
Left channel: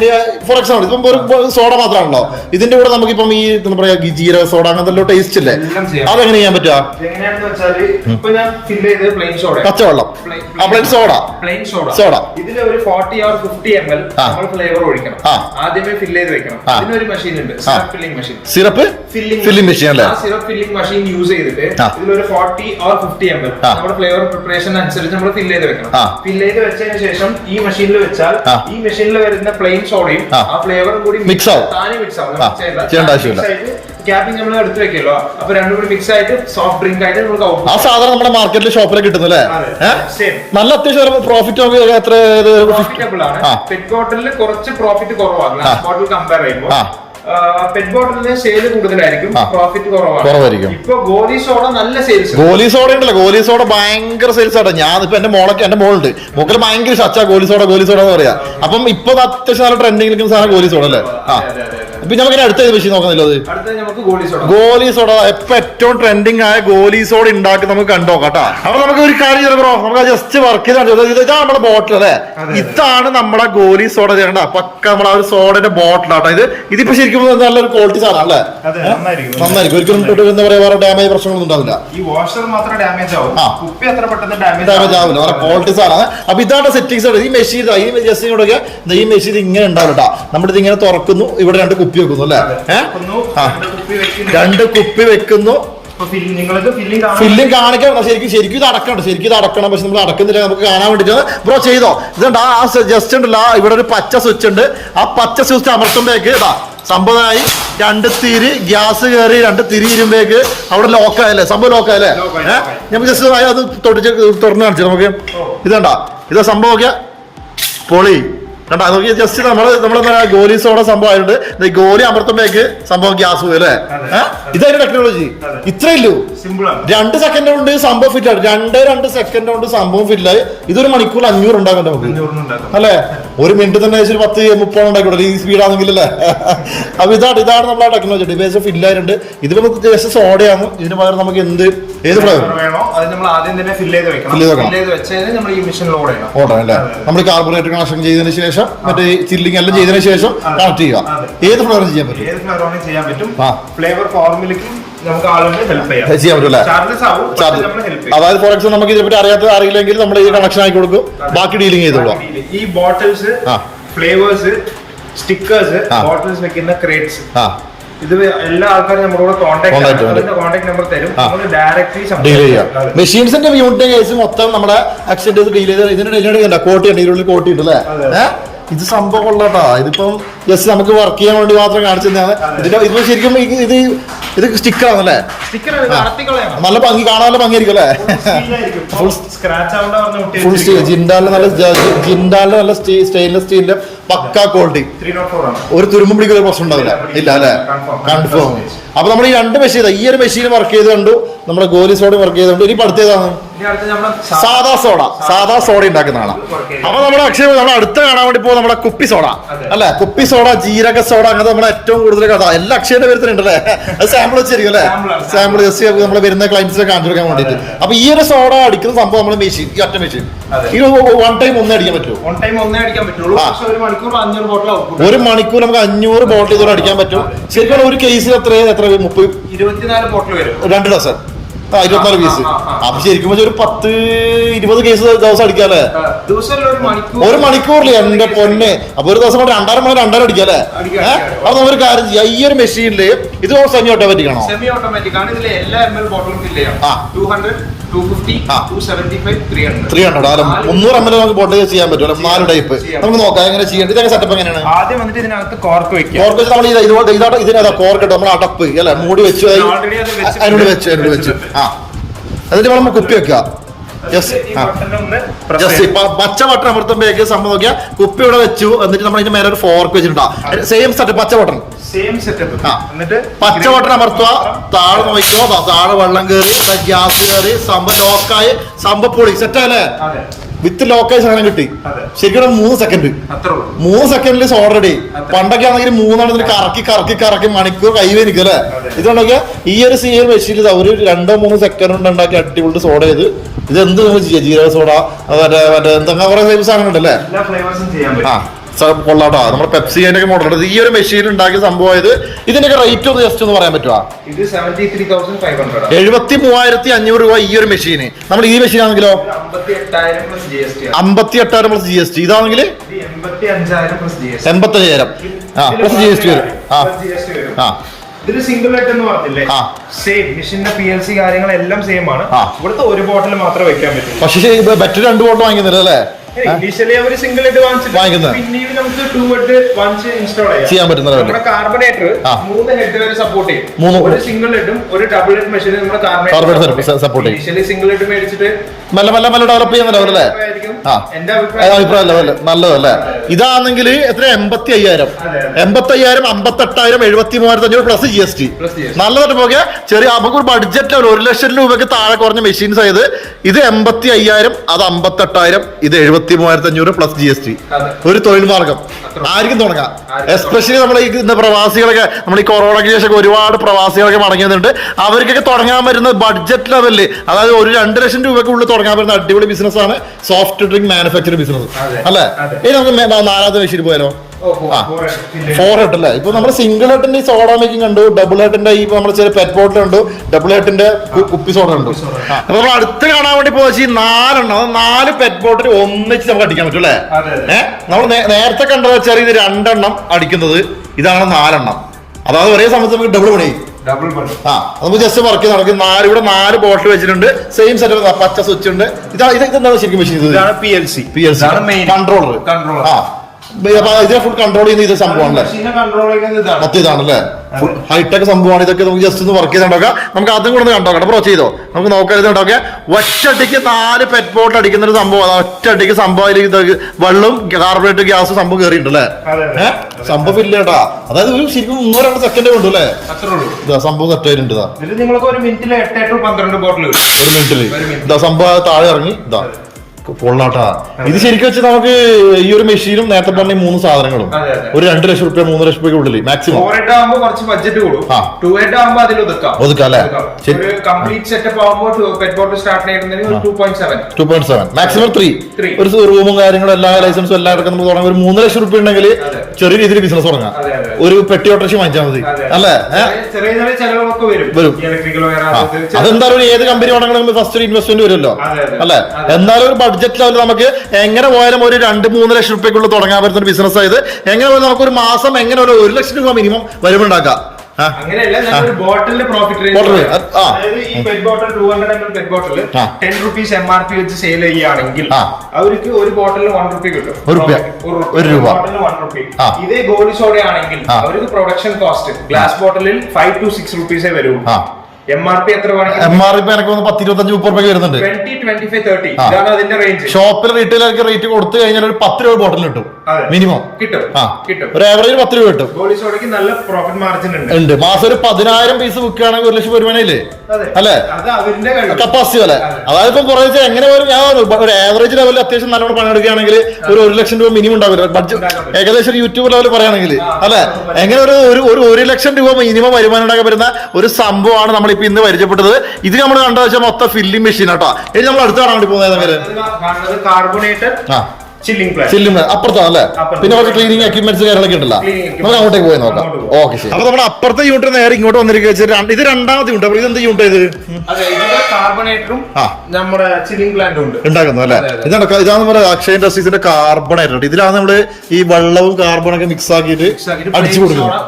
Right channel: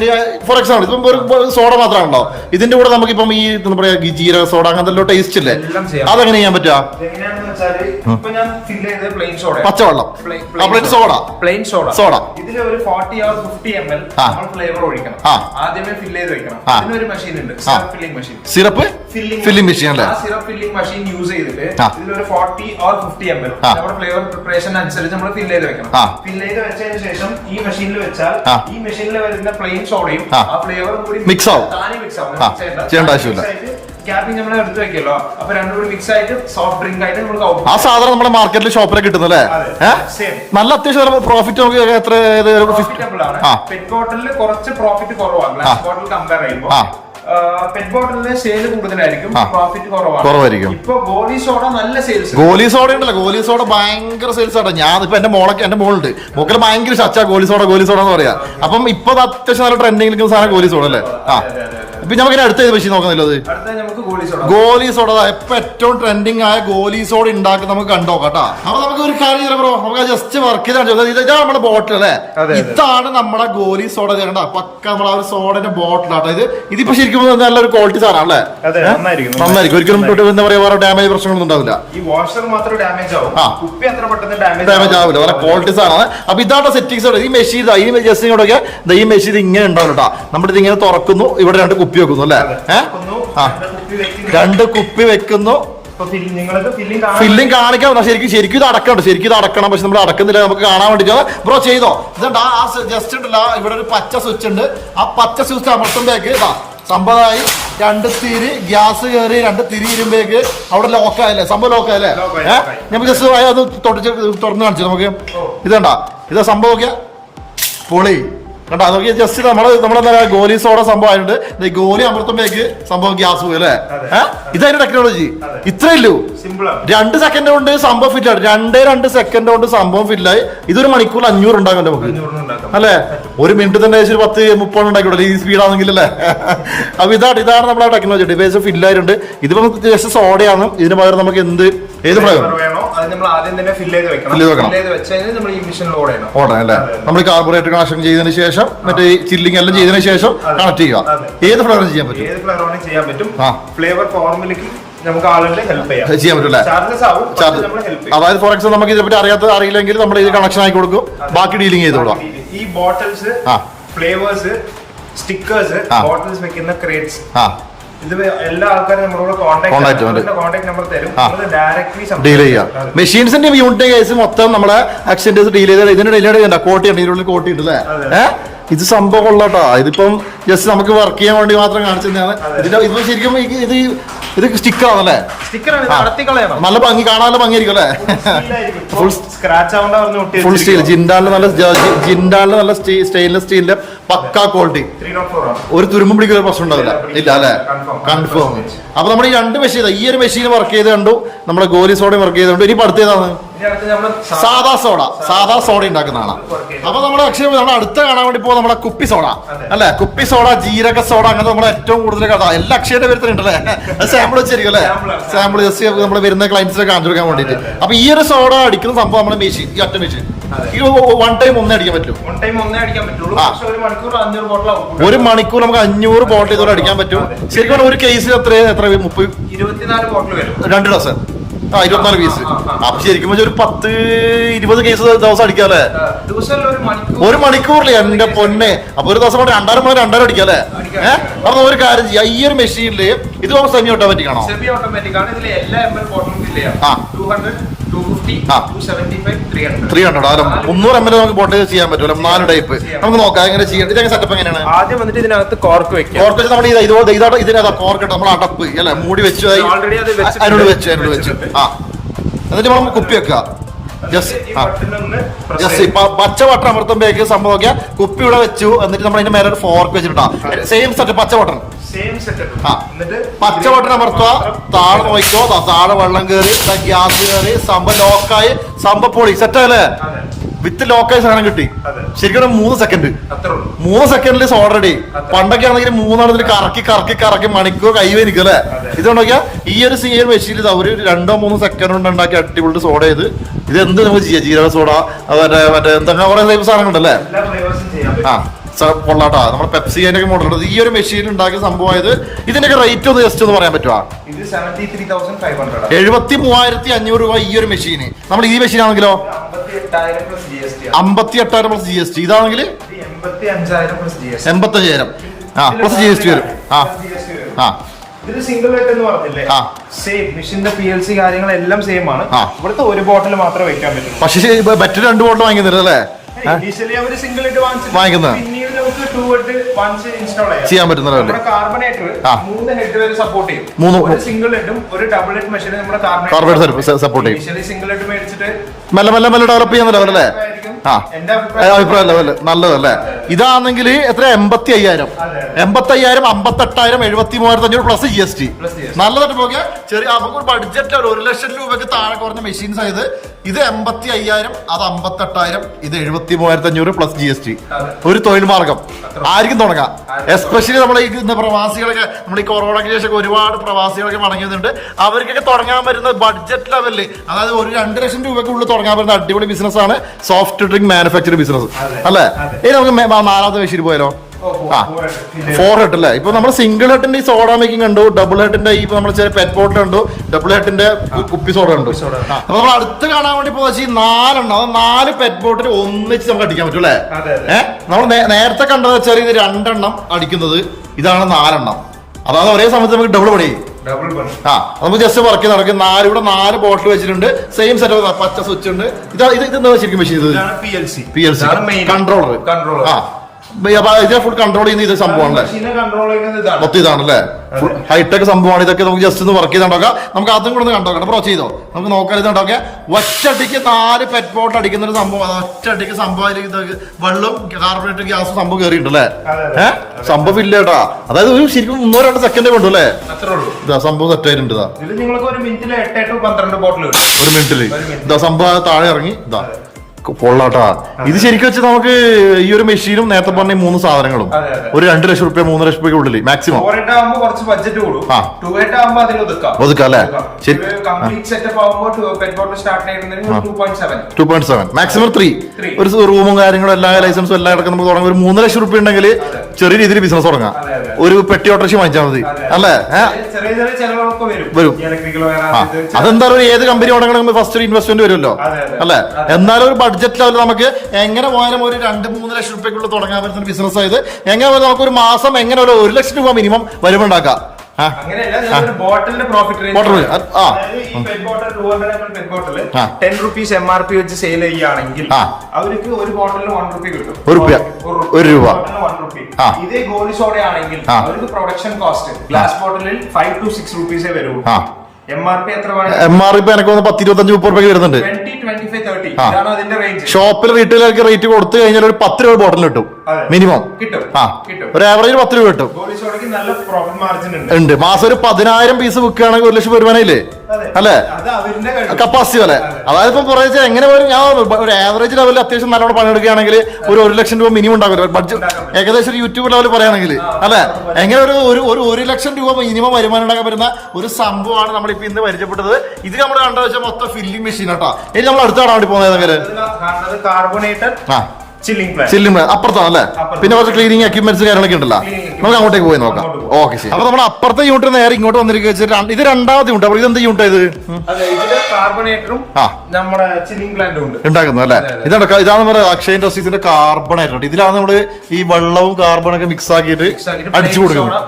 ഫോർ എക്സാമ്പിൾ ഇപ്പം ഒരു സോഡ മാത്രമാണല്ലോ. ഇതിന്റെ കൂടെ നമുക്കിപ്പം ഈ എന്താ പറയാ ജീരക സോഡ അങ്ങനത്തെ ടേസ്റ്റ് ഇല്ലേ. അതെങ്ങനെ ചെയ്യാൻ പറ്റുക? പച്ചവെള്ളം. Plain soda plain soda soda ഇതിൽ ഒരു forty or fifty M L flavour ഒഴിക്കണം. ആദ്യമേ ഫില്ല് ചെയ്ത് വെക്കണം. ഒരു മെഷീൻ ഉണ്ട്. സിറപ്പ് ഫില്ലിംഗ് മെഷീൻ അല്ലേ? സിറപ്പ് ഫില്ലിംഗ് മെഷീൻ യൂസ് ചെയ്തിട്ട്. ഇതിലൊരു forty or fifty M L നമ്മുടെ ഫ്ലേവർ പ്രിപ്പറേഷൻ അനുസരിച്ച് നമ്മൾ ഫില്ല് ചെയ്ത് വെക്കണം. ഫില്ല് ചെയ്ത് വെച്ചതിന് ശേഷം ഈ മെഷീനിൽ വെച്ചാൽ ഈ മെഷീനിൽ വരുന്ന പ്ലെയിൻ സോഡയും ആ. ഫ്ലേവറും കൂടി മിക്സ് ആവും. താനെ മിക്സ് ആവും. ചെയ്യേണ്ട ആവശ്യമില്ല. ക്യാപ്പിംഗ് നമ്മൾ എടുത്തു വെക്കല്ലോ അപ്പൊ രണ്ടും കൂടി മിക്സ് ആയിട്ട് സോഫ്റ്റ് ഡ്രിങ്ക് ആയിട്ട് നമുക്ക് ആ സാധനം നമ്മുടെ മാർക്കറ്റിൽ ഷോപ്പിൽ കിട്ടുന്നല്ലേ? അല്ലേ നല്ല അത്യാവശ്യം പ്രോഫിറ്റ് നമുക്ക് എത്ര പ്രോഫിറ്റബിൾ ആണ്. പെറ്റ് ബോട്ടിലിൽ കുറച്ച് പ്രോഫിറ്റ് കുറവാണ്. ബോട്ടിൽ കമ്പയർ ചെയ്യുമ്പോൾ. പെറ്റ് ബോട്ടിലിന് സെയിൽ കൂടുതലായിരിക്കും. പ്രോഫിറ്റ് കുറവാണ്. കുറവായിരിക്കും. ഇപ്പൊ ഗോലി സോഡ നല്ല സെയിൽസ് ഗോലി സോഡ ഉണ്ടല്ലോ. ഗോലി സോഡ ഭയങ്കര സെയിൽസ് ആട്ടോ. ഞാൻ ഇപ്പൊ എന്റെ മോളൊക്കെ എന്റെ മോളുണ്ട്. മോക്കിൽ ഭയങ്കര ചർച്ച ഗോലി സോഡ ഗോലി സോഡ എന്ന് പറയാ. അപ്പം ഇപ്പൊ അത് അത്യാവശ്യം നല്ല ട്രെൻഡിങ് നിൽക്കുന്ന സാധനം ഗോലി സോഡ അല്ലേ ആ അപ്പൊ നമുക്ക് അടുത്ത ഏത് മെഷീൻ നോക്കുന്നില്ല അത്. അടുത്ത നമുക്ക് ഗോലി സോഡ. ഇപ്പൊ ഏറ്റവും ട്രെൻഡിങ് ആയ ഗോലി സോഡ ഉണ്ടാക്കി നമുക്ക് കണ്ടോ കേട്ടോ. അപ്പൊ നമുക്ക് ഒരു കാര്യം ചെയ്യാം ബ്രോ നമുക്ക് ജസ്റ്റ് വർക്ക് ചെയ്താൽ ഇത് ഇതാണ് നമ്മുടെ ബോട്ടിൽ അതെ. ഇതാണ് നമ്മുടെ ഗോലി സോഡ ചെയ്യണ്ട പക്ക നമ്മളെ ഒരു സോഡന്റെ ബോട്ടിൽ ആട്ടോ ഇത്. ഇതിപ്പോ ശരിക്കും നല്ലൊരു ക്വാളിറ്റി സാധനം അല്ലേ? നന്നായിരിക്കും. നന്നായിരിക്കും. ഒരിക്കലും തൊട്ട് എന്താ പറയാ വേറെ ഡാമേജ് പ്രശ്നങ്ങളൊന്നും ഉണ്ടാവില്ല. ഈ വാഷർ മാത്രം ഡാമേജ് ആവും. കുപ്പി അത്ര പെട്ടെന്ന് ഡാമേജ് ആവില്ല. വളരെ ക്വാളിറ്റി സാധനമാണ്. അപ്പൊ ഇതാണ് സെറ്റിംഗ്സ് ഈ മെഷീൻ ഈ ജസ്റ്റ് ഇങ്ങോട്ടൊക്കെ ഈ മെഷീൻ ഇങ്ങനെ ഉണ്ടാവില്ല കേട്ടോ. നമ്മളിത് ഇങ്ങനെ തുറക്കുന്നു. ഇവിടെ രണ്ട് കുപ്പി വെക്കുന്നു അല്ലേ? ആ. രണ്ട് കുപ്പി വെക്കുന്നു. ഫില്ലിംഗ് കാണിക്കണം ശരിക്കും ശരിക്കും ഇത് അടക്കണം ശരിക്കും ഇത് അടക്കണം. പക്ഷെ നമ്മൾ അടക്കുന്നില്ല. നമുക്ക് കാണാൻ വേണ്ടിട്ടാണ്. ബ്രോ ചെയ്തോ? ഇതുണ്ട്. ആ ജസ്റ്റ് ഉണ്ടല്ലോ. ഇവിടെ ഒരു പച്ച സ്വിച്ച് ഉണ്ട്. ആ പച്ച സ്വിച്ച് അമർത്തുമ്പോഴേക്ക് ഇതാ സംഭവമായി രണ്ട് തിരി ഗ്യാസ് കയറി രണ്ട് തിരി ഇരുമ്പേക്ക് അവിടെ ലോക്കായല്ലേ സംഭവം ലോക്കായല്ലേ ഏഹ് നമുക്ക് ജസ്റ്റ് അത് തൊട്ടിച്ച് തുറന്നു കാണിച്ചു നമുക്ക് ഇതണ്ട? ഇതാ സംഭവം നോക്കിയാ. പൊളി. കണ്ടാ? നോക്കി ജസ്റ്റ് നമ്മൾ നമ്മളെന്താ ഗോലി സോഡ സംഭവം ആയിട്ടുണ്ട് ദേ ഈ ഗോലി അമർത്തുമ്പോഴേക്ക് സംഭവം ഗ്യാസ് പോയി അല്ലേ? ഇതായിരുന്നു ടെക്നോളജി. ഇത്രയല്ലോ രണ്ട് സെക്കൻഡ് കൊണ്ട് സംഭവം ഫിറ്റ് ആയിട്ട് രണ്ടേ രണ്ട് സെക്കൻഡ് കൊണ്ട് സംഭവം ഫിറ്റ് ആയി. ഇതൊരു മണിക്കൂർ അഞ്ഞൂറ് ഉണ്ടാക്കണ്ടേ നമുക്ക്. അഞ്ഞൂറിന് ഉണ്ടാക്കും. അല്ലേ? ഒരു മിനിറ്റ് തന്നെ ഒരു പത്ത് മുപ്പത് ഉണ്ടാക്കിക്കൂടെ ഈ സ്പീഡാണെങ്കിലല്ലേ (laughs) അപ്പൊ ഇതാണ് ഇതാണ് നമ്മുടെ ടെക്നോളജി ഡിവൈസ് ഫില്ലായിട്ടുണ്ട് ഇതിപ്പോ ജസ്റ്റ് സോഡയാണ് ഇതിന് പകരം നമുക്ക് എന്ത് ഏത് ഫ്ലേവർ Flavor വേണോ? അത് നമ്മൾ ആദ്യം തന്നെ ഫില്ല് ചെയ്ത് വെക്കണം. Fill ചെയ്ത് വെക്കണം. ഫില്ല് ചെയ്ത് വെച്ചതിന് നമ്മൾ ഈ മെഷീൻ ലോഡ് ചെയ്യണം. ഓടാ അല്ലേ? നമ്മൾ കാർബറേറ്റർ കണക്ഷൻ ചെയ്തതിന് ശേഷം മറ്റേ ചില്ലിങ് എല്ലാം ചെയ്തതിന് ശേഷം കണക്ട് ചെയ്യുക. ഏത് ഫ്ലേവറും ചെയ്യാൻ പറ്റും ഏത് ഫ്ലേവർ ചെയ്യാൻ പറ്റും? ഫ്ലേവർ ഫോർമുലയ്ക്ക് ചെയ്യാൻ പറ്റും അല്ലേ ആവും ചാർജ് നമ്മൾ ഹെൽപ്പ് ചെയ്യും. അതായത് ഫോർ എക്സാമ്പിൾ നമുക്ക് ഇതിനെപ്പറ്റി അറിയാത്ത അറിയില്ലെങ്കിൽ നമ്മൾ ഇത് കണക്ഷൻ ആക്കി കൊടുക്കും. ബാക്കി ഡീലിംഗ് ചെയ്തോളാം. ഈ ബോട്ടിൽസ്. ഫ്ലേവേഴ്സ് സ്റ്റിക്കേഴ്സ് ബോട്ടിൽസ് വെക്കുന്ന ക്രേറ്റ്സ് ഇത് എല്ലാ ആൾക്കാരും നമ്മളോട് കോൺടാക്ട് നമ്പർ തരും ഡയറക്ട്ലി ഡീൽ ചെയ്യാം. മെഷീൻസിന്റെ യൂണിറ്റ് കേസ് മൊത്തം നമ്മുടെ ആക്സിഡന്റ് ഡീൽ ചെയ്ത് കോട്ടി ഉണ്ട്. ഇതിനുള്ളിൽ കോട്ടി ഉണ്ട് അല്ലേ? ഏഹ് ഇത് സംഭവം ഉള്ളതാ ഇതിപ്പം ജസ്റ്റ് നമുക്ക് വർക്ക് ചെയ്യാൻ വേണ്ടി മാത്രം കാണിച്ചു തന്നെയാണ് ഇതിന്റെ ഇതിപ്പോ ശരിക്കും ഇത് ഇത് സ്റ്റിക്കർ അടത്തിക്കളയണം നല്ല ഭംഗി കാണാൻ നല്ല ഭംഗിയായിരിക്കും അല്ലേ? ഫുൾ ഫുൾ സ്റ്റീൽ ജിൻഡാലിന്റെ നല്ല ജിൻഡാലിന്റെ നല്ല സ്റ്റെയിൻലെസ് സ്റ്റീലിന്റെ പക്ക ക്വാളിറ്റി ഒരു തുരുമ്പ് പിടിക്കുന്ന പ്രശ്നം ഉണ്ടാവില്ല. ഇല്ല അല്ലേ? കൺഫേം അപ്പൊ നമ്മൾ ഈ രണ്ട് മെഷീൻ ഈ ഒരു മെഷീൻ വർക്ക് ചെയ്ത് കണ്ടു. നമ്മുടെ ഗോലി സോഡ വർക്ക് ചെയ്ത് കണ്ടു. ഇനി ഇപ്പൊ സാദാ സോഡ സാദാ സോഡ ഉണ്ടാക്കുന്നതാണ് അപ്പൊ നമ്മുടെ അക്ഷയ നമ്മൾ അടുത്ത കാണാൻ വേണ്ടി പോകും നമ്മുടെ കുപ്പി സോഡ. അല്ലെ? കുപ്പി സോഡ ജീരക സോഡ അങ്ങനത്തെ നമ്മുടെ ഏറ്റവും കൂടുതൽ കഥ എല്ലാ അക്ഷയന്റെ പേര് ഉണ്ട് അല്ലേ അത് സാമ്പിൾ വെച്ചിരിക്കും അല്ലേ. സാമ്പിൾ ജസ്റ്റ് നമ്മൾ വരുന്ന ക്ലൈൻസിനെ കാണിച്ചു കൊടുക്കാൻ വേണ്ടിയിട്ട്. അപ്പൊ ഈ ഒരു സോഡ അടിക്കുന്ന സംഭവം നമ്മുടെ മെഷീൻ ഈ ഒറ്റ മെഷീൻ ഈ വൺ ടൈം ഒന്നേ അടിക്കാൻ പറ്റൂ. വൺ ടൈം ഒന്നേ അടിക്കാൻ പറ്റുള്ളൂ. ഒരു മണിക്കൂർ നമുക്ക് അഞ്ഞൂറ് ബോട്ടിൽ ഇതുവരെ അടിക്കാൻ പറ്റും. ശരിക്കും ഒരു കേസ് എത്ര എത്ര മുപ്പത് ഇരുപത്തിനാല് ബോട്ടിൽ വരും. രണ്ട് ഡസൻ ആ ഇരുപത്തിനാല് പീസ്. അപ്പൊ ശരിക്കും വെച്ചാൽ ഒരു പത്ത് ഇരുപത് കേസ് ദിവസം അടിക്കാല്ലേ? ഒരു മണിക്കൂറിൽ എന്റെ പൊന്നെ. അപ്പൊ ഒരു ദിവസം കൊണ്ട് രണ്ടായിരം മണി രണ്ടായിരം അടിക്കാല്ലേ അടിക്കാം, ഏഹ് അപ്പൊ ഒരു കാര്യം ചെയ്യാം. ഈ ഒരു മെഷീനിൽ ഇത് സെമി ഓട്ടോമാറ്റിക് ആണോ? സെമി ഓട്ടോമാറ്റിക് ആണ്. ഇതിലെ എല്ലാ എം എൽ ബോട്ടിലും ആ. ടൂ ഹൺഡ്രഡ് ത്രീ ഹൺഡ്രഡ് ആരും മുന്നൂറ് എം എൽ നമുക്ക് ബോട്ടിൽ ചെയ്യാൻ പറ്റും നാല് ടൈപ്പ് നമുക്ക് നോക്കാം എങ്ങനെ ചെയ്യാം ഇതൊക്കെ സെറ്റപ്പ് എങ്ങനെയാണ്? ആദ്യം വന്നിട്ട് ഇതിനകത്ത് കോർക്ക് വെക്കുക കോർക്ക് വെച്ച് നമ്മൾ ഇതുപോലെ ഇതിനകത്താ കോർക്ക് ഇട്ട് നമ്മൾ അടപ്പ് അല്ലെ? മൂടി വെച്ച് അതിനോട് വെച്ച് അതിനോട് വെച്ചു. ആ. എന്നിട്ട് നമ്മൾ കുപ്പി വെക്കുക. ജസ്റ്റ് ഇപ്പൊ പച്ച ബട്ടൺ അമർത്തുമ്പോഴേക്ക് സംഭവം നോക്കിയാൽ കുപ്പി ഇവിടെ വെച്ചു എന്നിട്ട് നമ്മൾ അതിന്റെ മേലെ ഒരു ഫോർക്ക് വെച്ചിട്ടുണ്ടോ സെയിം സെറ്റ് പച്ച ബട്ടൺ സെയിം സെറ്റപ്പ് ആ. എന്നിട്ട് പച്ച ബട്ടൺ അമർത്തുക. താഴെ നോക്കിക്കോ ദാ താഴെ വെള്ളം കയറി ഗ്യാസ് കയറി സംഭവം ലോക്കായി സംഭവം പൊളി. സെറ്റ് ആയല്ലേ? അതെ. വിത്ത് ലോക്കായി സാധനം കിട്ടി. ശരിക്കും മൂന്ന് സെക്കൻഡ് മൂന്ന് സെക്കൻഡിൽ ഓൾറെഡി പണ്ടൊക്കെ ആണെങ്കിൽ മൂന്നാണ് കറക്കി കറക്കി കറക്കി മണിക്കൂർ കൈവരിക്കും അല്ലെ. ഇത് നോക്കിയാൽ ഈ ഒരു സി മെഷീനിൽ ഒരു രണ്ടോ മൂന്നോ സെക്കൻഡ് കൊണ്ട് ഉണ്ടാക്കി അടിപൊളി സോഡ് ചെയ്ത് ഇത് എന്ത് നമുക്ക് ചെയ്യാം? ജീരക സോഡ അതുപോലെ മറ്റേ എന്തൊക്കെ കുറെ ഫ്ലേവർ സാധനങ്ങളുണ്ടല്ലേ? ആ കൊള്ളാട്ടോ. നമ്മുടെ പെപ്സി അതിന്റെ മോഡൽ ഈ ഒരു മെഷീൻ ഉണ്ടാക്കിയ സംഭവമായത് ഇതിന്റെയൊക്കെ റേറ്റ് ഒന്ന് ജസ്റ്റ് ഒന്ന് പറയാൻ പറ്റുമോ എഴുപത്തി മൂവായിരത്തി അഞ്ഞൂറ് രൂപ ഈ ഒരു മെഷീന് നമ്മൾ ഈ മെഷീൻ ആണെങ്കിലോ? അമ്പത്തി എട്ടായിരം പ്ലസ് ജി എസ് ടി ഇതാണെങ്കിൽ എൺപത്തി അഞ്ചായിരം ആ പ്ലസ് ജി എസ് ടി വരും. ആ. ആ. ഇതിൽ സിംഗിൾ ആയിട്ട് എന്ന് പറഞ്ഞില്ലേ? സെയിം മെഷീന്റെ പി എൽ സി കാര്യങ്ങളെല്ലാം സെയിം ആണ്. ഇവിടുത്തെ ഒരു ബോട്ടിൽ മാത്രമേ വെക്കാൻ പറ്റൂ പക്ഷേ ബെറ്റർ രണ്ട് ബോട്ടിൽ വാങ്ങിക്കുന്നില്ല അല്ലേ? ഇനീഷ്യലി അവർ സിംഗിൾ ആയിട്ട് വാങ്ങിക്കുന്നത്. പിന്നീട് നമുക്ക് ടൂ ഹെഡ് വാങ്ങിച്ച് ഇൻസ്റ്റാൾ ചെയ്യാം. ചെയ്യാൻ നമ്മുടെ കാർബണേറ്റർ മൂന്ന് ഹെഡ് വരെ സപ്പോർട്ട് ചെയ്യും. മൂന്ന് ഒരു സിംഗിൾ ഹെഡും ഒരു ഡബിൾ ഹെഡ് മെഷീൻ നമ്മുടെ Carbonator സപ്പോർട്ട് ചെയ്യും. ഇനീഷ്യലി സിംഗിൾ ഹെഡ് മേടിച്ചിട്ട് മെല്ലെ മെല്ലെ മെല്ലെ ഡെവലപ്പ് ചെയ്യുന്ന അല്ലേ ആയിരിക്കും. ആ. അഭിപ്രായം അഭിപ്രായം നല്ലതല്ലേ? ഇതാണെങ്കിൽ എത്ര? എൺപത്തി അയ്യായിരം. എൺപത്തി അയ്യായിരം അമ്പത്തെട്ടായിരം എഴുപത്തി മൂവായിരത്തി അഞ്ഞൂറ് പ്ലസ് ജി എസ് ടി. നല്ലതായിട്ട് പോകെ ചെറിയ നമുക്ക് ഒരു ബഡ്ജറ്റ് ഒരു ലക്ഷം രൂപയ്ക്ക് താഴെ കുറഞ്ഞ മെഷീൻസ് ആയത് ഇത്. എൺപത്തി അയ്യായിരം അത് അമ്പത്തെട്ടായിരം ഇത് എഴുപത്തി മൂവായിരത്തി അഞ്ഞൂറ് പ്ലസ് ജി എസ് ടി ഒരു തൊഴിൽ മാർഗം. ആർക്കും തുടങ്ങാം. എസ്പെഷ്യലി നമ്മൾ ഈ ഇന്ന് പ്രവാസികളൊക്കെ നമ്മൾ ഈ കൊറോണയ്ക്ക് ശേഷം ഒരുപാട് പ്രവാസികളൊക്കെ മടങ്ങിയതുണ്ട് അവർക്കൊക്കെ തുടങ്ങാൻ പറ്റുന്ന ബഡ്ജറ്റ് ലെവലിൽ അതായത് ഒരു രണ്ട് ലക്ഷം രൂപയ്ക്ക് ഉള്ളിൽ തുടങ്ങാൻ പറ്റുന്ന അടിപൊളി ബിസിനസ് ആണ്. സോഫ്റ്റ് ഡ്രിങ്ക് മാനുഫാക്ചറിംഗ് ബിസിനസ് അല്ലേ? ഇനി നമുക്ക് നാലാമത്തെ മെഷീൻ പോയാലോ? ആ. ഫോർ ഹെഡ് അല്ലേ? ഇപ്പൊ നമ്മുടെ സിംഗിൾ ഹെഡിന്റെ ഈ സോഡ മേക്കിംഗ് കണ്ടു. ഡബിൾ ഹെഡിന്റെ ഈ നമ്മുടെ ചെറിയ പെറ്റ് ബോട്ടിൽ ഉണ്ട് ഡബിൾ ഹെഡിന്റെ കുപ്പി സോഡ ഉണ്ട് അപ്പൊ നമ്മൾ അടുത്ത് കാണാൻ വേണ്ടി പോയി ഈ നാലെണ്ണം അത് നാല് പെറ്റ് ബോട്ടിൽ ഒന്നിച്ച് നമുക്ക് അടിക്കാൻ പറ്റും അല്ലേ. ഏഹ് നമ്മൾ നേരത്തെ കണ്ടത് ചെറിയ രണ്ടെണ്ണം അടിക്കുന്നത് ഇതാണ് നാലെണ്ണം. അതായത് ഒരേ സമയത്ത് നമുക്ക് ഡബിൾ പണി ആ നമുക്ക് ജസ്റ്റ് വർക്ക് നടക്കും. നാല് ഇവിടെ നാല് ബോട്ടിൽ വെച്ചിട്ടുണ്ട്. സെയിം സെറ്റ് പച്ച സ്വിച്ച് ഉണ്ട്. ഇതാ ഇത് ഇതെന്താ ശരിക്കും machine P L C P L C controller controller ആ. ഇതിനെ ഫുൾ കൺട്രോൾ ചെയ്യുന്ന ഇത് സംഭവമാണല്ലേ മൊത്തം ഇതാണല്ലേ? ഫുൾ ഹൈടെക് സംഭവമാണ്. ഇതൊക്കെ നമുക്ക് ജസ്റ്റ് ഒന്ന് വർക്ക് ചെയ്ത് നോക്കാം നമുക്ക് അതും കൂടെ ഒന്ന് കണ്ടോക്കാം പ്രോ ചെയ്തോ? നമുക്ക് നോക്കാൻ ഇത് കണ്ടോക്കെ? ഒറ്റടിക്ക് നാല് പെറ്റ് ബോട്ട് അടിക്കുന്ന ഒരു സംഭവം ഒറ്റടിക്ക് സംഭവം വെള്ളം കാർബണേറ്റ് ഗ്യാസ് സംഭവം കയറിയിട്ടുണ്ടല്ലേ ഏഹ് സംഭവം ഇല്ല കേട്ടാ. അതായത് ഒരു ശരിക്കും ഒന്നോ രണ്ട് സെക്കൻഡ് കൊണ്ടു അല്ലേ? ഇതാ സംഭവം സെറ്റ് ആയിട്ടുണ്ട് ഒരു മിനിറ്റിൽ ഒരു മിനിറ്റിൽ ഇതാ സംഭവം താഴെ ഇറങ്ങി. ഇതാ. പൊള്ളാട്ടാ. ഇത് ശരിക്കും വെച്ചാൽ നമുക്ക് ഈ ഒരു മെഷീനും നേരത്തെ പറഞ്ഞ മൂന്ന് സാധനങ്ങളും. ഒരു രണ്ട് ലക്ഷം റുപ്യ മൂന്ന് ലക്ഷം റുപ്യ ഉള്ളിൽ മാക്സിമം കുറച്ച് ബഡ്ജറ്റ് കൂടും. ഒതുക്കാം. അല്ലേ? Two point seven maximum three ഒരു റൂമും കാര്യങ്ങളും എല്ലാ ലൈസൻസും എല്ലാം അടക്കം നമുക്ക് തുടങ്ങാം. ഒരു മൂന്ന് ലക്ഷം റുപ്യ ഉണ്ടെങ്കിൽ ചെറിയ രീതിയിൽ ബിസിനസ് തുടങ്ങാം. ഒരു പെട്ടി ഓട്ടോറിക്ഷ വാങ്ങിച്ചാൽ മതി. അല്ലേ? ചെറിയ ചെറിയ വരും. അതെന്തായാലും ഒരു ഏത് കമ്പനി തുടങ്ങണമെങ്കിൽ ഫസ്റ്റ് ഒരു ഇൻവെസ്റ്റ്മെന്റ് വരുമല്ലോ. അല്ലെ? എന്നാലും ഒരു ബഡ്ജറ്റ് ലെവലിൽ നമുക്ക് എങ്ങനെ പോയാലും ഒരു രണ്ട് മൂന്ന് ലക്ഷം രൂപയ്ക്കുള്ള തുടങ്ങാൻ പറ്റുന്ന ഒരു ബിസിനസ് ആയത് എങ്ങനെ പോയാലും നമുക്ക് ഒരു മാസം എങ്ങനെ ഒരു ഒരു ലക്ഷം രൂപ മിനിമം വരുമുണ്ടാക്കാം ബോട്ടിലിന്റെ profit M. Ten rupees R P വെച്ച് സെയിൽ ചെയ്യുകയാണെങ്കിൽ ആ. അവർക്ക് ഒരു ബോട്ടിൽ വൺ റുപ്പി കിട്ടും. ഒരു രൂപ. രൂപ. ഇതേ സോഡ ആണെങ്കിൽ. അവർക്ക് പ്രൊഡക്ഷൻ കോസ്റ്റ് ഗ്ലാസ് ബോട്ടിലിൽ ഫൈവ് ടു സിക്സ് റുപ്പീസേ വരൂ. എം ആർ പി എത്ര എം വേണമെങ്കിൽ ആർ പി എനിക്ക് തോന്നുന്നു പത്ത് ഇരുപത്തഞ്ച് മുപ്പത് രൂപയ്ക്ക് വരുന്നുണ്ട്. ഷോപ്പിൽ റീറ്റെയിലർക്ക് റേറ്റ് കൊടുത്തു കഴിഞ്ഞാൽ ഒരു പത്ത് രൂപ ബോട്ടിൽ കിട്ടും. മിനിമം കിട്ടും. ആ. കിട്ടും. ഒരു ആവറേജ് പത്ത് രൂപ കിട്ടും. നല്ല പ്രോഫിറ്റ് മാർജിൻ ഉണ്ട്. ഉണ്ട്. മാസം ഒരു പതിനായിരം പീസ് വിൽക്കുകയാണെങ്കിൽ ഒരു ലക്ഷം വരുമാനമില്ലേ. അല്ലേ? കപ്പാസിറ്റി പോലെ അതായത് ഇപ്പൊ കുറേ എങ്ങനെ പോലും ഞാൻ ഒരു ആവറേജ് ലെവലിൽ അത്യാവശ്യം നല്ലോണം പണിയെടുക്കുകയാണെങ്കിൽ ഒരു ഒരു ലക്ഷം രൂപ മിനിമം ഉണ്ടാവില്ല. ബഡ്ജറ്റ് ഏകദേശം ഒരു യൂട്യൂബ് ലെവലിൽ പറയുകയാണെങ്കിൽ അല്ലെ? എങ്ങനെ ഒരു ഒരു ഒരു ലക്ഷം രൂപ മിനിമം വരുമാനം ഉണ്ടാക്കാൻ വരുന്ന ഒരു സംഭവമാണ് നമ്മളിപ്പോ ഇന്ന് പരിചയപ്പെട്ടത്. ഇത് നമ്മൾ കണ്ട വെച്ചാൽ മൊത്തം ഫില്ലിംഗ് മെഷീൻ കേട്ടോ ഇനി നമ്മൾ അടുത്ത് കാണാൻ വേണ്ടി പോകുന്നത് ആ. ചില്ലിംഗ് അപ്പുറത്താണ് അല്ലേ പിന്നെ കുറച്ച് ക്ലീനിങ് എക്യുപ്മെന്റ്സ് കാര്യങ്ങളൊക്കെ ഉണ്ടല്ലോ. നമുക്ക് അങ്ങോട്ടേക്ക് പോയി നോക്കാം. ഓക്കെ ശരി. അപ്പൊ നമ്മുടെ അപ്പുറത്തെ യൂണിറ്റ് നേരെ ഇങ്ങോട്ട് വന്നിരിക്കുക ഇത് രണ്ടാമത്തെ യൂണിറ്റ് അപ്പൊ ഇതെന്ത് യൂണിറ്റ് ഇത്? ഉം. അതെ ഇതിന്റെ കാർബണേറ്ററും ആ. നമ്മുടെ ചില്ലിംഗ് പ്ലാന്റും ഉണ്ട്. ഉണ്ടാക്കുന്നു അല്ലേ? ഇതാണ് ഇതാണ് നമ്മുടെ അക്ഷയ ഇൻഡസ്ട്രീസിന്റെ കാർബണേറ്റർ ഇതിലാണ് നമ്മൾ ഈ വെള്ളവും കാർബണൊക്കെ മിക്സ് ആക്കിയിട്ട് അടിച്ചു കൊടുക്കുന്നത്.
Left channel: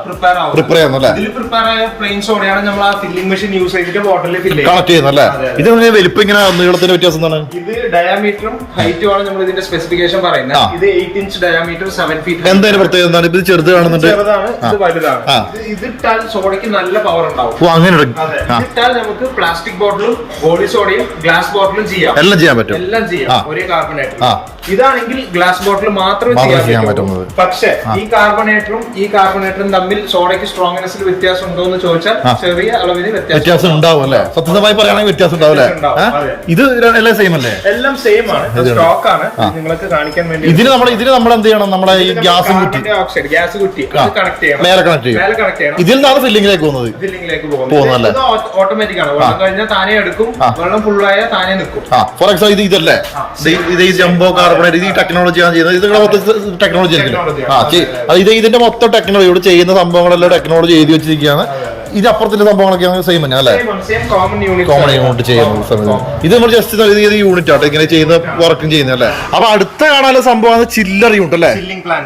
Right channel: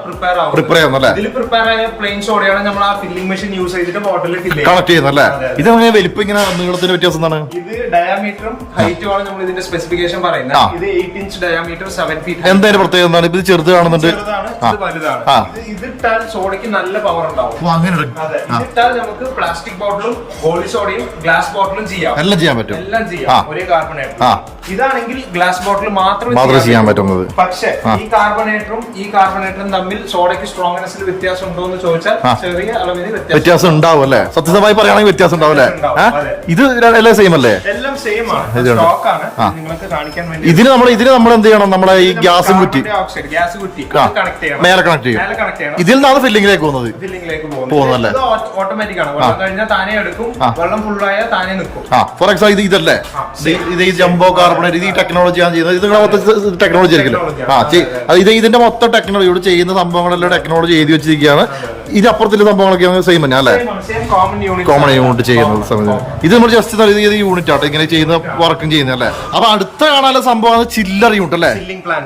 പ്രിപ്പയർ ചെയ്യുന്നു അല്ലേ? പ്രിപ്പയർ ആയ പ്ലെയിൻ സോഡയാണ് നമ്മൾ ആ ഫില്ലിംഗ് മെഷീൻ യൂസ് ചെയ്തിട്ട് ബോട്ടിലിൽ ഫില്ല് കണക്ട് ചെയ്യുന്നു അല്ലേ? ഇത് വലിപ്പം ഇങ്ങനെ നീളത്തിന്റെ വ്യത്യാസം എന്താണ്? ഇത് ഡയമീറ്ററും ഹൈറ്റും ആണ് നമ്മൾ ഇതിന്റെ സ്പെസിഫിക്കേഷൻ. പറയുന്നത്. ഇത് eight inch diameter seven feet എന്തായാലും പ്രത്യേകത? എന്താണ്? ഇത് ചെറുത് കാണുന്നുണ്ട്. ചെറുതാണ് ഇത് വലുതാണ്. ഇത് ഇതിട്ടാൽ സോഡയ്ക്ക് നല്ല പവർ ഉണ്ടാവും. ഓ അങ്ങനെ ഇതിട്ടാൽ നമുക്ക് പ്ലാസ്റ്റിക് ബോട്ടിലും ഗോളി സോഡയും ഗ്ലാസ് ബോട്ടിലും ചെയ്യാം. എല്ലാം ചെയ്യാൻ പറ്റും. എല്ലാം ചെയ്യാം. ഒരേ കാർബണേറ്റർ ഇതാണെങ്കിൽ ഗ്ലാസ് ബോട്ടിൽ മാത്രമേ ചെയ്യാൻ പറ്റുന്നത്. പക്ഷേ ഈ കാർബണേറ്ററും ഈ കാർബണേറ്ററും തമ്മിൽ സോഡയ്ക്ക് സ്ട്രോങ്നെസ്സിൽ വ്യത്യാസം ഉണ്ടോ എന്ന് ചോദിച്ചാൽ ചെറിയ അളവിന് വ്യത്യാസം ഉണ്ടാവും അല്ലേ? സത്യസമായി പറയുകയാണെങ്കിൽ വ്യത്യാസം ഉണ്ടാവും അല്ലേ. ഇത് എല്ലാം സെയിം അല്ലേ? എല്ലാം സെയിം ആണ്. സ്റ്റോക്ക് ആണ്. നിങ്ങൾക്ക് കാണിക്കാൻ വേണ്ടി ഇതിന് നമ്മൾ ഇതിന് നമ്മൾ എന്ത് ചെയ്യണം? നമ്മുടെ ഈ ഗ്യാസ് കുറ്റി. ഓക്സൈഡ് ഗ്യാസ് കുറ്റി. കണക്ട് ചെയ്യണം. നേരെ കണക്ട് ചെയ്യും. മേലെ കണക്ട് ചെയ്യണം. ഇതിൽ നിന്നാണ് ഫില്ലിംഗിലേക്ക് പോകുന്നത്. ഫില്ലിംഗിലേക്ക് പോകുന്നത്. ഓട്ടോമാറ്റിക് ആണ്. വെള്ളം കഴിഞ്ഞാൽ താനെ എടുക്കും. വെള്ളം ഫുള്ളായാൽ താനെ നിൽക്കും. ഫോർ എക്സാമ്പിൾ ഇത് ഇതല്ലേ? ഇത് ഈ ജംബോ കാർബണേറ്റ് ഇത് ഈ ടെക്നോളജി ആണ് ചെയ്യുന്നത്. ഇത് മൊത്തം ടെക്നോളജി ആയിരിക്കും ആ ഇത് ഇതിന്റെ മൊത്തം ടെക്നോളജി ഇവിടെ ചെയ്യുന്ന സംഭവങ്ങളെല്ലാം ടെക്നോളജി എഴുതി വെച്ചിരിക്കുകയാണ്. ഇത് അപ്പുറത്തുള്ള സംഭവങ്ങളൊക്കെ സെയിം തന്നെ അല്ലേ? കോമൺ യൂണിറ്റ് ചെയ്യുന്നത് സമയത്ത്. ഇത് നമ്മൾ ജസ്റ്റ് ഇത് യൂണിറ്റ് ആട്ടോ. ഇങ്ങനെ ചെയ്യുന്ന വർക്കും ചെയ്യുന്നത് അല്ലേ? അപ്പൊ അടുത്ത കാണാനുള്ള സംഭവം ചില്ലർ യൂണിറ്റ് അല്ലേ?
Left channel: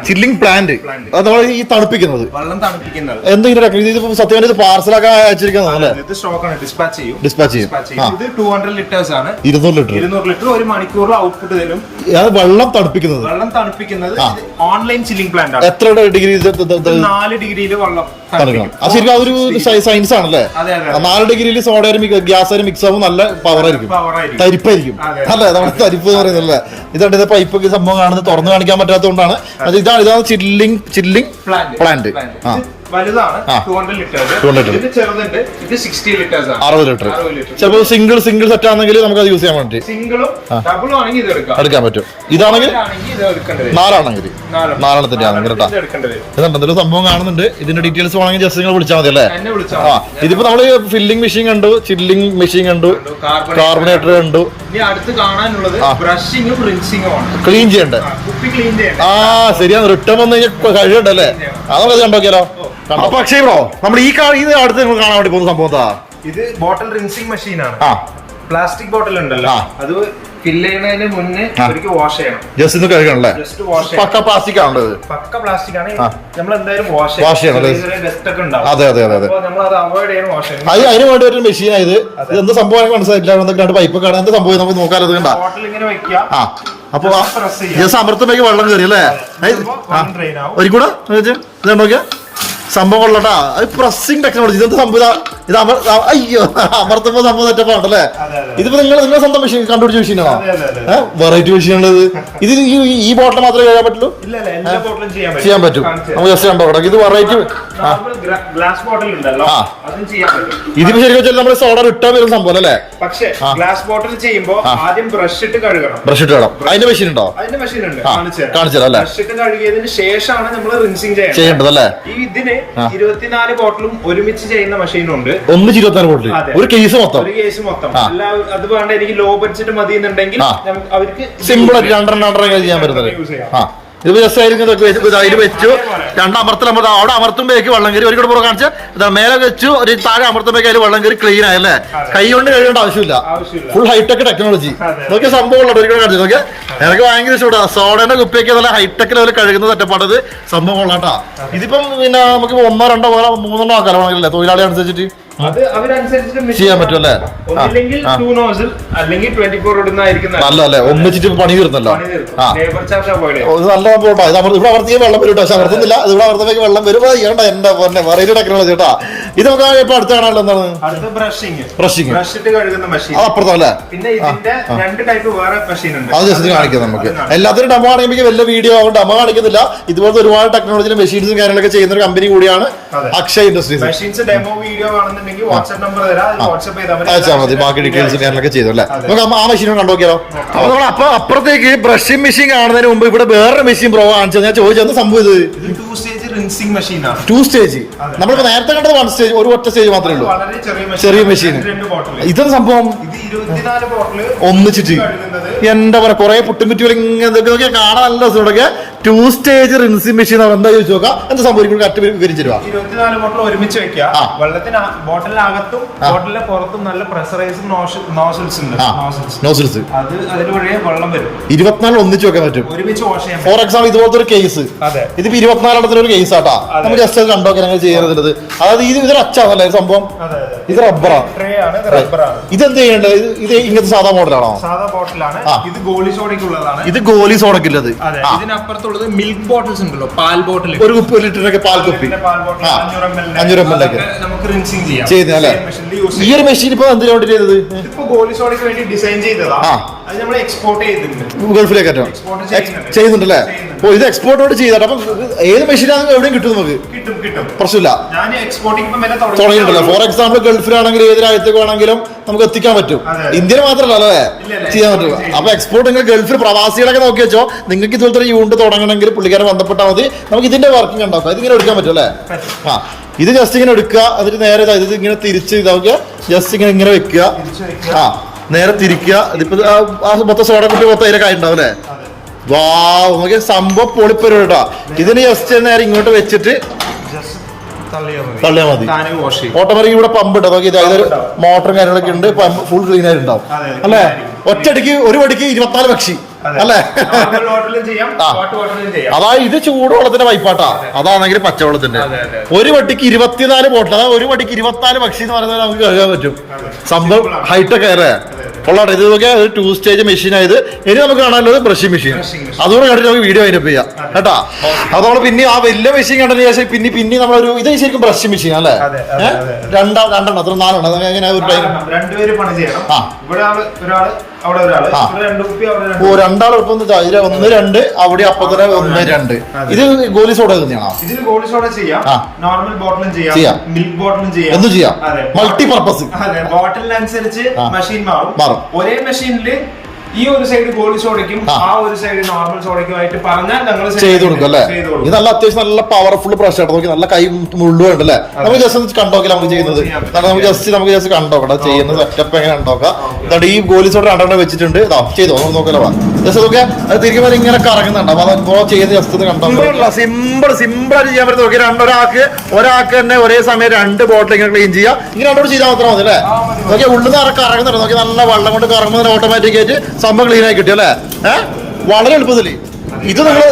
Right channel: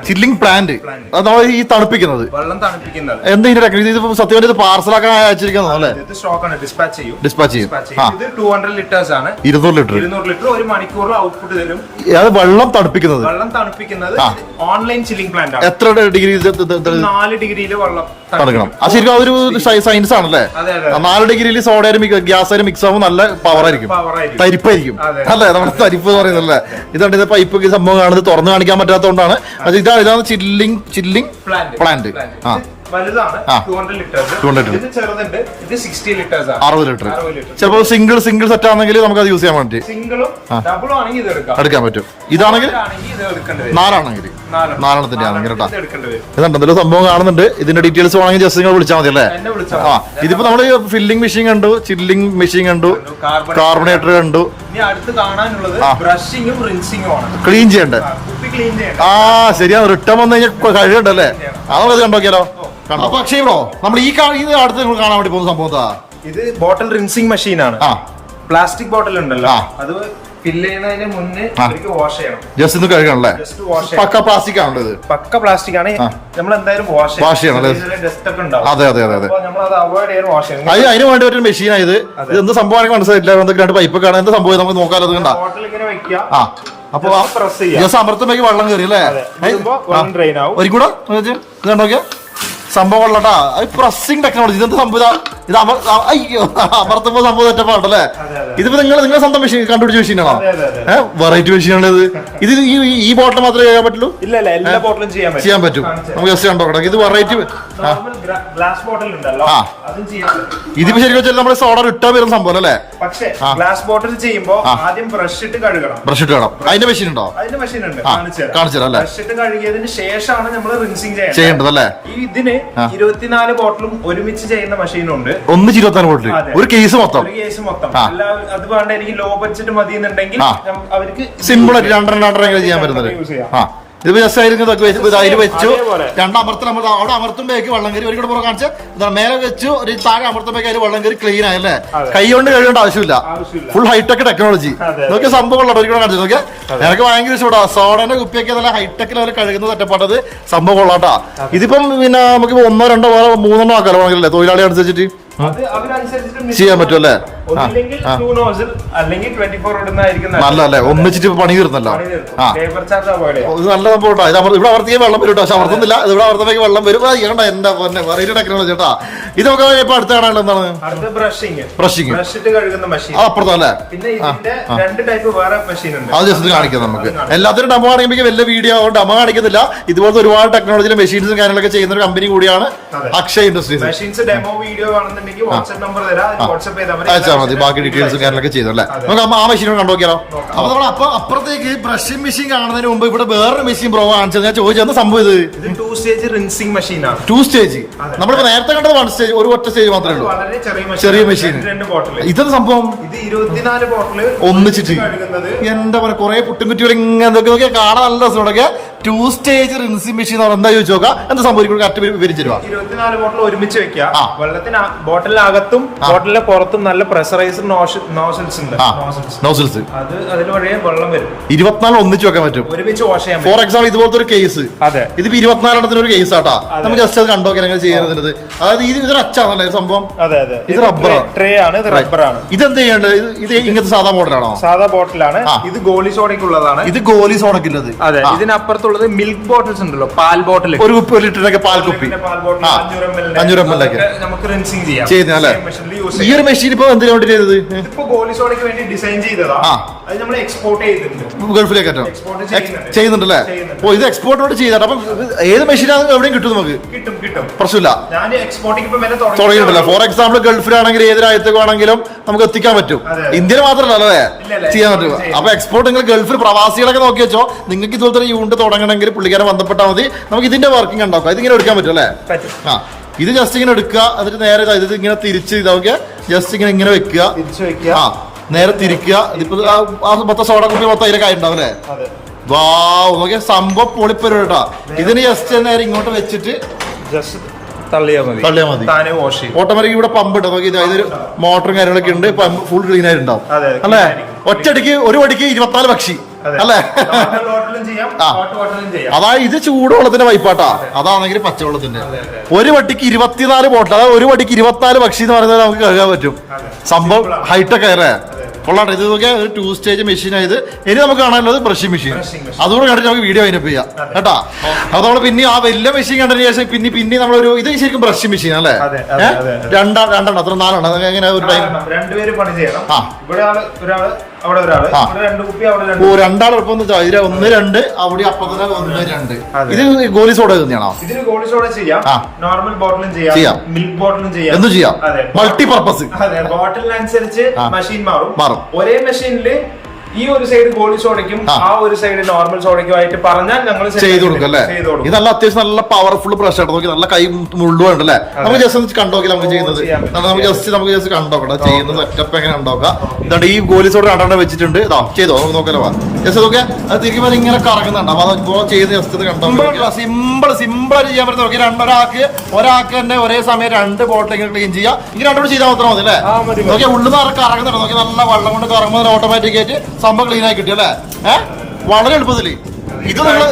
ചില്ലിംഗ് പ്ലാന്റ് അത് നമ്മൾ ഈ തണുപ്പിക്കുന്നത്. എന്തെങ്കിലും ഇത് സത്യം ഇത് പാർസലാക്കാൻ അയച്ചിരിക്കുന്നത് അല്ലേ? ഡിസ്പാച്ച് ചെയ്യും. ഇരുന്നൂറ് ലിറ്റർ. ഇരുന്നൂറ് ലിറ്റർ ഒരു മണിക്കൂറിൽ ഔട്ട്പുട്ട് തരും. അത് വെള്ളം തണുപ്പിക്കുന്നത്. വെള്ളം തണുപ്പിക്കുന്നത് ഓൺലൈൻ ചില്ലിംഗ് പ്ലാന്റ് ആണ്. എത്ര ഡിഗ്രി നാല് ഡിഗ്രിയിൽ വെള്ളം തണുക്കണം. അത് ശരിക്കും അതൊരു സയൻസ് ആണല്ലേ? നാല് ഡിഗ്രിയിൽ സോഡയും ഗ്യാസ് മിക്സ് ആവും നല്ല പവർ ആയിരിക്കും. തരിപ്പായിരിക്കും. അതെ. അല്ലേ? നമ്മുടെ തരിപ്പ് എന്ന് പറയുന്നല്ലേ ഇതാണ് ഇത് പൈപ്പ് സംഭവം കാണുന്നത്. തുറന്നു കാണിക്കാൻ പറ്റാത്തതുകൊണ്ടാണ്. അത് ഇതാണ് ഇതാണ് ചില്ലിംഗ് ചില്ലിംഗ് പ്ലാന്റ് ആ. വലുതാണ്. ആ. Two hundred litres 200 liter. ഇത് ചെറുതുണ്ട്. ഇത് സിക്സ്റ്റി ലിറ്റേഴ്സ് ആണ്. അറുപത് ലിറ്റർ ചിലപ്പോൾ സിംഗിൾ സിംഗിൾ സെറ്റ് ആണെങ്കിൽ നമുക്ക് അത് യൂസ് ചെയ്യാൻ പറ്റും എടുക്കാൻ പറ്റും. ഇതാണെങ്കിൽ നാലാണെങ്കിൽ നാലെണ്ണം. നാലെണ്ണത്തിന്റെ ആണെങ്കിൽ കേട്ടോ. ഇത് എടുക്കേണ്ടി വരും സംഭവം കാണുന്നുണ്ട്. ഇതിന്റെ ഡീറ്റെയിൽസ് വേണമെങ്കിൽ ജസ്റ്റ് നിങ്ങൾ വിളിച്ചാൽ മതി അല്ലേ? ആ ഇതിപ്പോ നമ്മൾ ഫില്ലിംഗ് മെഷീൻ കണ്ടു ചില്ലിംഗ് മെഷീൻ കണ്ടു കാർബണേറ്റർ കണ്ടു. ക്ലീൻ ചെയ്യണ്ടേ? ആ, ശരിയാ. റിട്ടേൺ വന്നു കഴിഞ്ഞാൽ കഴിയണ്ടല്ലേ അത് നമുക്കത് കണ്ടോക്കിയാലോ അപ്പൊ അക്ഷയ് ബ്രോ നമ്മൾ ഈ ഇത് അടുത്ത് നിങ്ങൾ കാണാൻ വേണ്ടി പോകുന്ന സംഭവത്താ ഇത് ബോട്ടിൽ റിൻസിംഗ് മെഷീൻ ആണ്. പ്ലാസ്റ്റിക് ബോട്ടിൽ ഉണ്ടല്ലോ. അത് ഫില്ല് ചെയ്യുന്നതിന് മുന്നേ ആ. വാഷ് ചെയ്യണം. ജസ്റ്റ് ഇത് കഴുകണല്ലേ? ജസ്റ്റ് വാഷ് പക്ക പ്ലാസ്റ്റിക് ആണല്ലോ ഇത്. പക്ക പ്ലാസ്റ്റിക് ആണ്. നമ്മൾ എന്തായാലും വാഷ് വാഷ് ചെയ്യണം? ഡസ്റ്റ് ഒക്കെ ഉണ്ടാവും. അതെ അതെ അതെ അതെ. നമ്മൾ അത് അവോയ്ഡ് ചെയ്യാൻ വാഷ് ചെയ്യണം. അത് അതിന് വേണ്ടി ഒരു മെഷീൻ ഇത്. എന്ത് സംഭവം മനസ്സിലായില്ല എന്തൊക്കെ രണ്ട് പൈപ്പ് കാണാൻ എന്ത് സംഭവം? നമുക്ക് നോക്കാലോ അത് കണ്ട? ആ. അപ്പൊ. ജസ്റ്റ് അമൃത്തമേക്ക് വെള്ളം കയറി അല്ലേ? ഒരിക്കൂടെ നോക്കിയാ? സംഭവം കൊള്ളട്ടാ. അത് പ്രസ്സിംഗ് ടെക്നോളജി ഇതെന്ത് സംഭവം ഇതാ അമർ അയ്യോ അമർത്തുമ്പോ സംഭവം തെറ്റപ്പാണല്ലേ. ഇതിപ്പോ നിങ്ങൾ നിങ്ങളെ സ്വന്തം മെഷീൻ കണ്ടുപിടിച്ച മെഷീനാണോ. ഏഹ് വെറൈറ്റി മെഷീനാണ് ഇത്? ഇത് ഈ ഈ ബോട്ടിൽ മാത്രമേ ചെയ്യാൻ പറ്റുള്ളൂ? ചെയ്യാൻ പറ്റും. നമുക്ക് ജസ്റ്റ് കണ്ടോ. ഇത് വെറൈറ്റി ഗ്ലാസ് ബോട്ടിൽ ഉണ്ടല്ലോ. അതും ചെയ്യാൻ പറ്റും. ഇതിപ്പോ ശരിക്കും വെച്ചാൽ നമ്മുടെ സോഡ ഇട്ടാ വരുന്ന സംഭവം അല്ലേ? പക്ഷേ ഗ്ലാസ് ബോട്ടിൽ ചെയ്യുമ്പോ ആദ്യം ബ്രഷ് ഇട്ട് കഴുകണം. ബ്രഷ് ഇട്ട് അതിന്റെ മെഷീൻ ഉണ്ടോ? അതിന്റെ മെഷീൻ ഉണ്ട്. കാണിച്ചു അല്ലേ? ബ്രഷ് ഇട്ട് കഴുകിയതിന് ശേഷമാണ് നമ്മൾ റിൻസിങ് ചെയ്യേണ്ടത്. അല്ലേ? ഇതിന്. ഇരുപത്തിനാല് ബോട്ടിലും ഒരുമിച്ച് ചെയ്യുന്ന മെഷീനുണ്ട് ഒന്ന് ഇരുപത്തിനാല് ബോട്ടിൽ. ഒരു കേസ് മൊത്തം. ഒരു. അത് വേണ്ട എനിക്ക് ലോ ബഡ്ജറ്റ് മതി എന്നുണ്ടെങ്കിൽ അവർക്ക് സിമ്പിൾ ആയിട്ട് രണ്ടെണ്ണം രണ്ടെണ്ണം ചെയ്യാൻ പറ്റുന്നത്. ആ. ഇത് ജസ്റ്റ് ആയിരിക്കും അതിൽ വെച്ചു രണ്ട് അമർത്തൽ അമർത്ത അവിടെ അമർത്തുമ്പോഴേക്ക് വെള്ളം കയറി. ഒരിക്കലും പുറം കാണിച്ച് മേലെ വെച്ചു ഒരു താഴെ അമർത്തുമ്പോഴേക്ക് അതിൽ വെള്ളം കയറി ക്ലീൻ ആയല്ലേ കൈ കൊണ്ട് കഴിയേണ്ട ആവശ്യമില്ല. ഫുൾ ഹൈടെക് ടെക്നോളജി നോക്കി സംഭവമുള്ള ഒരു കൂടെ ഒരിക്കലും കാണിച്ചു നോക്കിയാ. എനിക്ക് ഭയങ്കര ഇഷ്ടപ്പെടാ സോഡേന്റെ കുപ്പിയൊക്കെ നല്ല ഹൈടെക് ലെവൽ കഴുകുന്ന തട്ടപ്പാടത് സംഭവം കൊള്ളാട്ടാ ഇതിപ്പം പിന്നെ നമുക്ക് ഒന്നോ രണ്ടോ വേറെ മൂന്നെണ്ണോ ആക്കാലോ തൊഴിലാളി അനുസരിച്ചിട്ട്. ചെയ്യാൻ പറ്റും അല്ലേ ആ ഒന്നില്ലെങ്കിൽ ആ. ടൂ നോസിൽ അല്ലെങ്കിൽ ട്വന്റി ഫോർ ഇടുന്നതായിരിക്കും നല്ലതല്ലേ? ഒന്നിച്ചിട്ട് പണി തീർന്നല്ലോ. ആ. നല്ല സംഭവം ഇത് അമർ- ഇവിടെ അവർത്തേക്ക് വെള്ളം വരും പക്ഷെ അമർത്തുന്നില്ല. ഇത് ഇവിടെ അവർത്തേക്ക് വെള്ളം വരും. ചെയ്യണ്ട എന്റെ പൊന്നെ. വെറൈറ്റി ടെക്നോളജി കേട്ടാ. ഇത് നമുക്ക് ഇപ്പൊ അടുത്ത കാണാനുള്ള എന്താണ്? മെഷീൻ അത് അപ്പുറത്തല്ലേ? അത് ജസ്റ്റ് കാണിക്കാം നമുക്ക്. എല്ലാത്തിനും ഡമ കാണിക്കുമ്പോൾ വലിയ വീഡിയോ ഡമ കാണിക്കുന്നില്ല. ഇതുപോലത്തെ ഒരുപാട് ടെക്നോളജി മെഷീൻസും കാര്യങ്ങളൊക്കെ ചെയ്യുന്ന ഒരു കമ്പനി കൂടിയാണ് അക്ഷയ ഇൻഡസ്ട്രീസ് ഡെമോ വീഡിയോ കാണുന്നുണ്ടെങ്കിൽ വാട്സ്ആപ്പ് നമ്പർ തരാം. വാട്സ്ആപ്പ് ചെയ്താൽ മതി. ബാക്കി ഡീറ്റെയിൽസ് കാര്യങ്ങളൊക്കെ ചെയ്തു അല്ലേ? നമുക്ക് ആ മെഷീൻ കണ്ടു നോക്കിയാലോ അപ്പൊ നമ്മൾ അപ്പൊ അപ്പുറത്തേക്ക് ബ്രഷിംഗ് മെഷീൻ കാണുന്നതിന് മുമ്പ് ഇവിടെ വേറൊരു മെഷീൻ പ്രോ കാണിച്ചത്. ഞാൻ ചോദിച്ചത് സംഭവം ഇത്? ടു സ്റ്റേജ് റിൻസിംഗ് മെഷീനാണ് ടു സ്റ്റേജ് നമ്മളിപ്പോ നേരത്തെ കണ്ടത് വൺ സ്റ്റേജ് ഒരു ഒറ്റ സ്റ്റേജ് മാത്രമേ ഉള്ളൂ. ചെറിയ മെഷീൻ ഇതെന്ത് സംഭവം? ഒന്നിച്ചിട്ട്. എന്താ പറയാ കൊറേ കുറെ പുട്ടും കുറ്റി ഇങ്ങനെ കാണാൻ നല്ല രസമുണ്ടൊക്കെ ടു സ്റ്റേജ് റിൻസിംഗ് മെഷീൻ എന്താ ചോദിച്ചു നോക്കാം. എന്താ സംഭവിക്കും? കറക്റ്റ് വിവരിച്ചു തരുവാ. ഇരുപത്തിനാല് ബോട്ടിൽ ഒരുമിച്ച് വെക്കുക. വെള്ളത്തിന് ബോട്ടിലകത്തും ബോട്ടിലെ പുറത്തും നല്ല പ്രഷറൈസ്ഡ് നോസൽസ് ഉണ്ട്. നോസൽസ് അത് അതിൽ വഴിയെ വെള്ളം വരും. ഇരുപത്തിനാല് ഒന്നിച്ച് വെക്കാൻ പറ്റും. ഒരുമിച്ച് വാഷ് ചെയ്യാം ഫോർ എക്സാമ്പിൾ ഇതുപോലത്തെ ഒരു കേസ് അതെ. ഇതിപ്പോ ഇരുപത്തിനാലെണ്ണത്തിന് ഒരു കേസ് ആട്ടാ. നമ്മൾ നമുക്ക് ജസ്റ്റ് അത് കണ്ടോ? ഞങ്ങൾ ചെയ്യുന്നത് അതായത് ഇത് ഇതൊരു അച്ചാണല്ലേ സംഭവം? അതെ അതെ. ഇത് റബ്ബറാണ് ട്രേ ആണ്. ഇത് എന്ത് ചെയ്യേണ്ടത് ഇത് ഇത് ഇങ്ങനത്തെ സാധാ മോഡലാണോ സാധാ ബോട്ടിലാണ് ഇത് ഗോലി സോണയ്ക്കുള്ളതാണ് ഇത് ഗോലി സോണയ്ക്കുള്ളത് അതെ. ഇതിനപ്പുറത്തുള്ളത് മിൽക്ക് ബോട്ടിൽസ് ഉണ്ടല്ലോ പാൽ ബോട്ടിൽ ഒരു കുപ്പി ഒരു ലിറ്ററിനൊക്കെ പാൽ കുപ്പി. അഞ്ഞൂറ് എം എൽ ഒക്കെ. നമുക്ക് റിൻസിങ് ചെയ്യാം. ചെയ്യുന്ന അല്ലേ? ഈ ഒരു മെഷീൻ ഇപ്പൊ എന്തിനു വേണ്ടി ചെയ്തത്? ഡിസൈൻ ചെയ്തതാ. ഗൾഫിലേക്ക് ചെയ്യുന്നുണ്ട്. ചെയ്യുന്നുണ്ടല്ലേ? ഓ ഇത് എക്സ്പോർട്ടോട് ചെയ്താൽ അപ്പൊ ഏത് മെഷീനാണ് എവിടെയും കിട്ടും നമുക്ക്. പ്രശ്നമില്ല. തുടങ്ങിയിട്ടുണ്ടല്ലോ. ഫോർ എക്സാമ്പിൾ ഗൾഫിലാണെങ്കിൽ ഏത് രാജ്യത്തേക്ക് വേണമെങ്കിലും നമുക്ക് എത്തിക്കാൻ പറ്റും. ഇന്ത്യയിൽ മാത്രമല്ല അല്ലേ? ചെയ്യാൻ പറ്റും. അപ്പൊ എക്സ്പോർട്ട് നിങ്ങൾ ഗൾഫിൽ പ്രവാസികളൊക്കെ നോക്കി വെച്ചോ. നിങ്ങൾക്ക് ഇതുപോലത്തെ യൂണിറ്റ് തുടങ്ങണമെങ്കിൽ പുള്ളിക്കാരെ ബന്ധപ്പെട്ടാൽ മതി. നമുക്ക് ഇതിന്റെ വർക്കിംഗ് ഉണ്ടാക്കാം. ഇതിങ്ങനെ എടുക്കാൻ പറ്റും അല്ലേ. ആ. ഇത് ജസ്റ്റ് ഇങ്ങനെ എടുക്കുക. എന്നിട്ട് നേരെ ഇതാ, ഇങ്ങനെ തിരിച്ച് ഇതാക്കുക ജസ്റ്റ് ഇങ്ങനെ ഇങ്ങനെ വെക്കുക. ആ. നേരെ തിരിക്കുക ഇതിപ്പോ ആ- മൊത്തം സോഡ കുപ്പി മൊത്തം അതിലൊക്കെ ആയിട്ടുണ്ടാവും അല്ലേ? അതെ. നമുക്ക് സംഭവം പൊളിപ്പരും കേട്ടോ ഇതിന് ജസ്റ്റ് നേരെ ഇങ്ങോട്ട് വെച്ചിട്ട് തള്ളിയാൽ മതി. ഓട്ടോമാറ്റിക് ഇവിടെ പമ്പ് ഇട്ടോ? നോക്കി ഇത് ഇതൊരു മോട്ടറും കാര്യങ്ങളൊക്കെ ഉണ്ട്. പമ്പ് ഫുൾ ക്ലീൻ ആയിട്ടുണ്ടാവും. അല്ലേ? ഒറ്റടിക്ക് ഒരു വടിക്ക് ഇരുപത്തിനാല് പക്ഷി. അല്ലേ? അതാ ഇത് ചൂടുവെള്ളത്തിന്റെ പൈപ്പാട്ടാ അതാണെങ്കിൽ പച്ചവെള്ളത്തിന്റെ. ഒരു വട്ടിക്ക് ഇരുപത്തിനാല് ബോട്ടിൽ അതായത് ഒരു വടിക്ക് ഇരുപത്തിനാല് പക്ഷി എന്ന് പറയുന്നത് നമുക്ക് കേൾക്കാൻ പറ്റും. സംഭവം ഹൈടെക് അല്ലേ? കൊള്ളാട്ടെ ഇത് നോക്കിയാൽ ഒരു ടു സ്റ്റേജ് മെഷീൻ ആയത്. ഇനി നമുക്ക് കാണാനുള്ളത് ബ്രഷിംഗ് മെഷീൻ അതുകൊണ്ട് അതുകൂടെ കണ്ടിട്ട് നമുക്ക് വീഡിയോ അതിനപ്പ് ചെയ്യാം. കേട്ടാ? അപ്പൊ നമ്മൾ പിന്നെ ആ വലിയ മെഷീൻ കണ്ടതിന് ശേഷം പിന്നെ പിന്നെ നമ്മളൊരു ഇത് ശരിക്കും ബ്രഷിംഗ് മെഷീൻ അല്ലേ. രണ്ടാ രണ്ടെണ്ണം. അത്ര നാലെണ്ണം. അത് എങ്ങനെ ഒരു ടൈം രണ്ടുപേര് പണി ചെയ്യണം. ആ. ഇവിടെ ആൾ ഓ രണ്ട് രണ്ടാൾ ഇപ്പൊ ഒന്ന് രണ്ട് അവിടെ അപ്പൊ തന്നെ ഒന്ന് രണ്ട്. ഇത് ഗോലി സോഡ തന്നെയാണോ? ഗോളി സോഡ ചെയ്യാം. നോർമൽ ബോട്ടിലും ചെയ്യാം. മൾട്ടിപർപ്പസ് മിൽക്ക് ബോട്ടിലും ചെയ്യാം. എന്തും ചെയ്യാം. അതെ. Multi purpose ബോട്ടിലിനനുസരിച്ച്. മെഷീൻ മാറും. മാറും. ഒരേ മെഷീനിൽ ഈ ഒരു സൈഡ് ഗോൾഡ് സോഡയ്ക്കും ആ. ഒരു സൈഡ് നോർമൽ സോഡയ്ക്കും ആയിട്ട് പറഞ്ഞാൽ നമ്മൾ ചെയ്തു കൊടുക്കും അല്ലേ? ഇത് നല്ല അത്യാവശ്യം നല്ല പവർഫുൾ പ്രഷർ നോക്കി നല്ല കൈ മുള്ളുണ്ട് അല്ലേ നമുക്ക് ജസ്റ്റ് കണ്ടോക്കില്ല നമുക്ക് ചെയ്യുന്നത്. നമുക്ക് ജസ്റ്റ് നമുക്ക് ജസ്റ്റ് കണ്ടോക്കണം ചെയ്യുന്ന സെറ്റപ്പ് എങ്ങനെ ഉണ്ടോക്കാം എന്നിട്ട് ഈ ഗോലി സോഡ് രണ്ടെണ്ണം വെച്ചിട്ടുണ്ട്. ഇതാ ചെയ്തോ? നമുക്ക് നോക്കലോ ജസ്റ്റ് നോക്കിയാൽ അത് തിരിക്കുമ്പോൾ ഇങ്ങനെ കറങ്ങുന്നുണ്ട്. അപ്പൊ അത് ചെയ്യുന്ന ജസ്റ്റ് ഒന്ന് കണ്ടോ സിമ്പിൾ സിമ്പിൾ ആയിട്ട് ചെയ്യാൻ പറ്റും. നോക്കി രണ്ടൊരാൾക്ക് ഒരാൾക്ക് തന്നെ ഒരേ സമയം രണ്ട് ബോട്ടിൽ ഇങ്ങനെ ക്ലീൻ ചെയ്യാം ഇങ്ങനെ രണ്ടോട് ചെയ്താൽ മാത്രം മതി അല്ലേ? നോക്കിയാൽ. ഉള്ളിൽ നിന്ന് കറങ്ങുന്നുണ്ട്. നോക്കി നല്ല വെള്ളം കൊണ്ട് കറങ്ങുമ്പോൾ ഓട്ടോമാറ്റിക് ആയിട്ട് സംഭവം ക്ലീൻ ആയി കിട്ടിയോ അല്ലേ വളരെ എളുപ്പത്തിൽ. ഇത് നിങ്ങൾ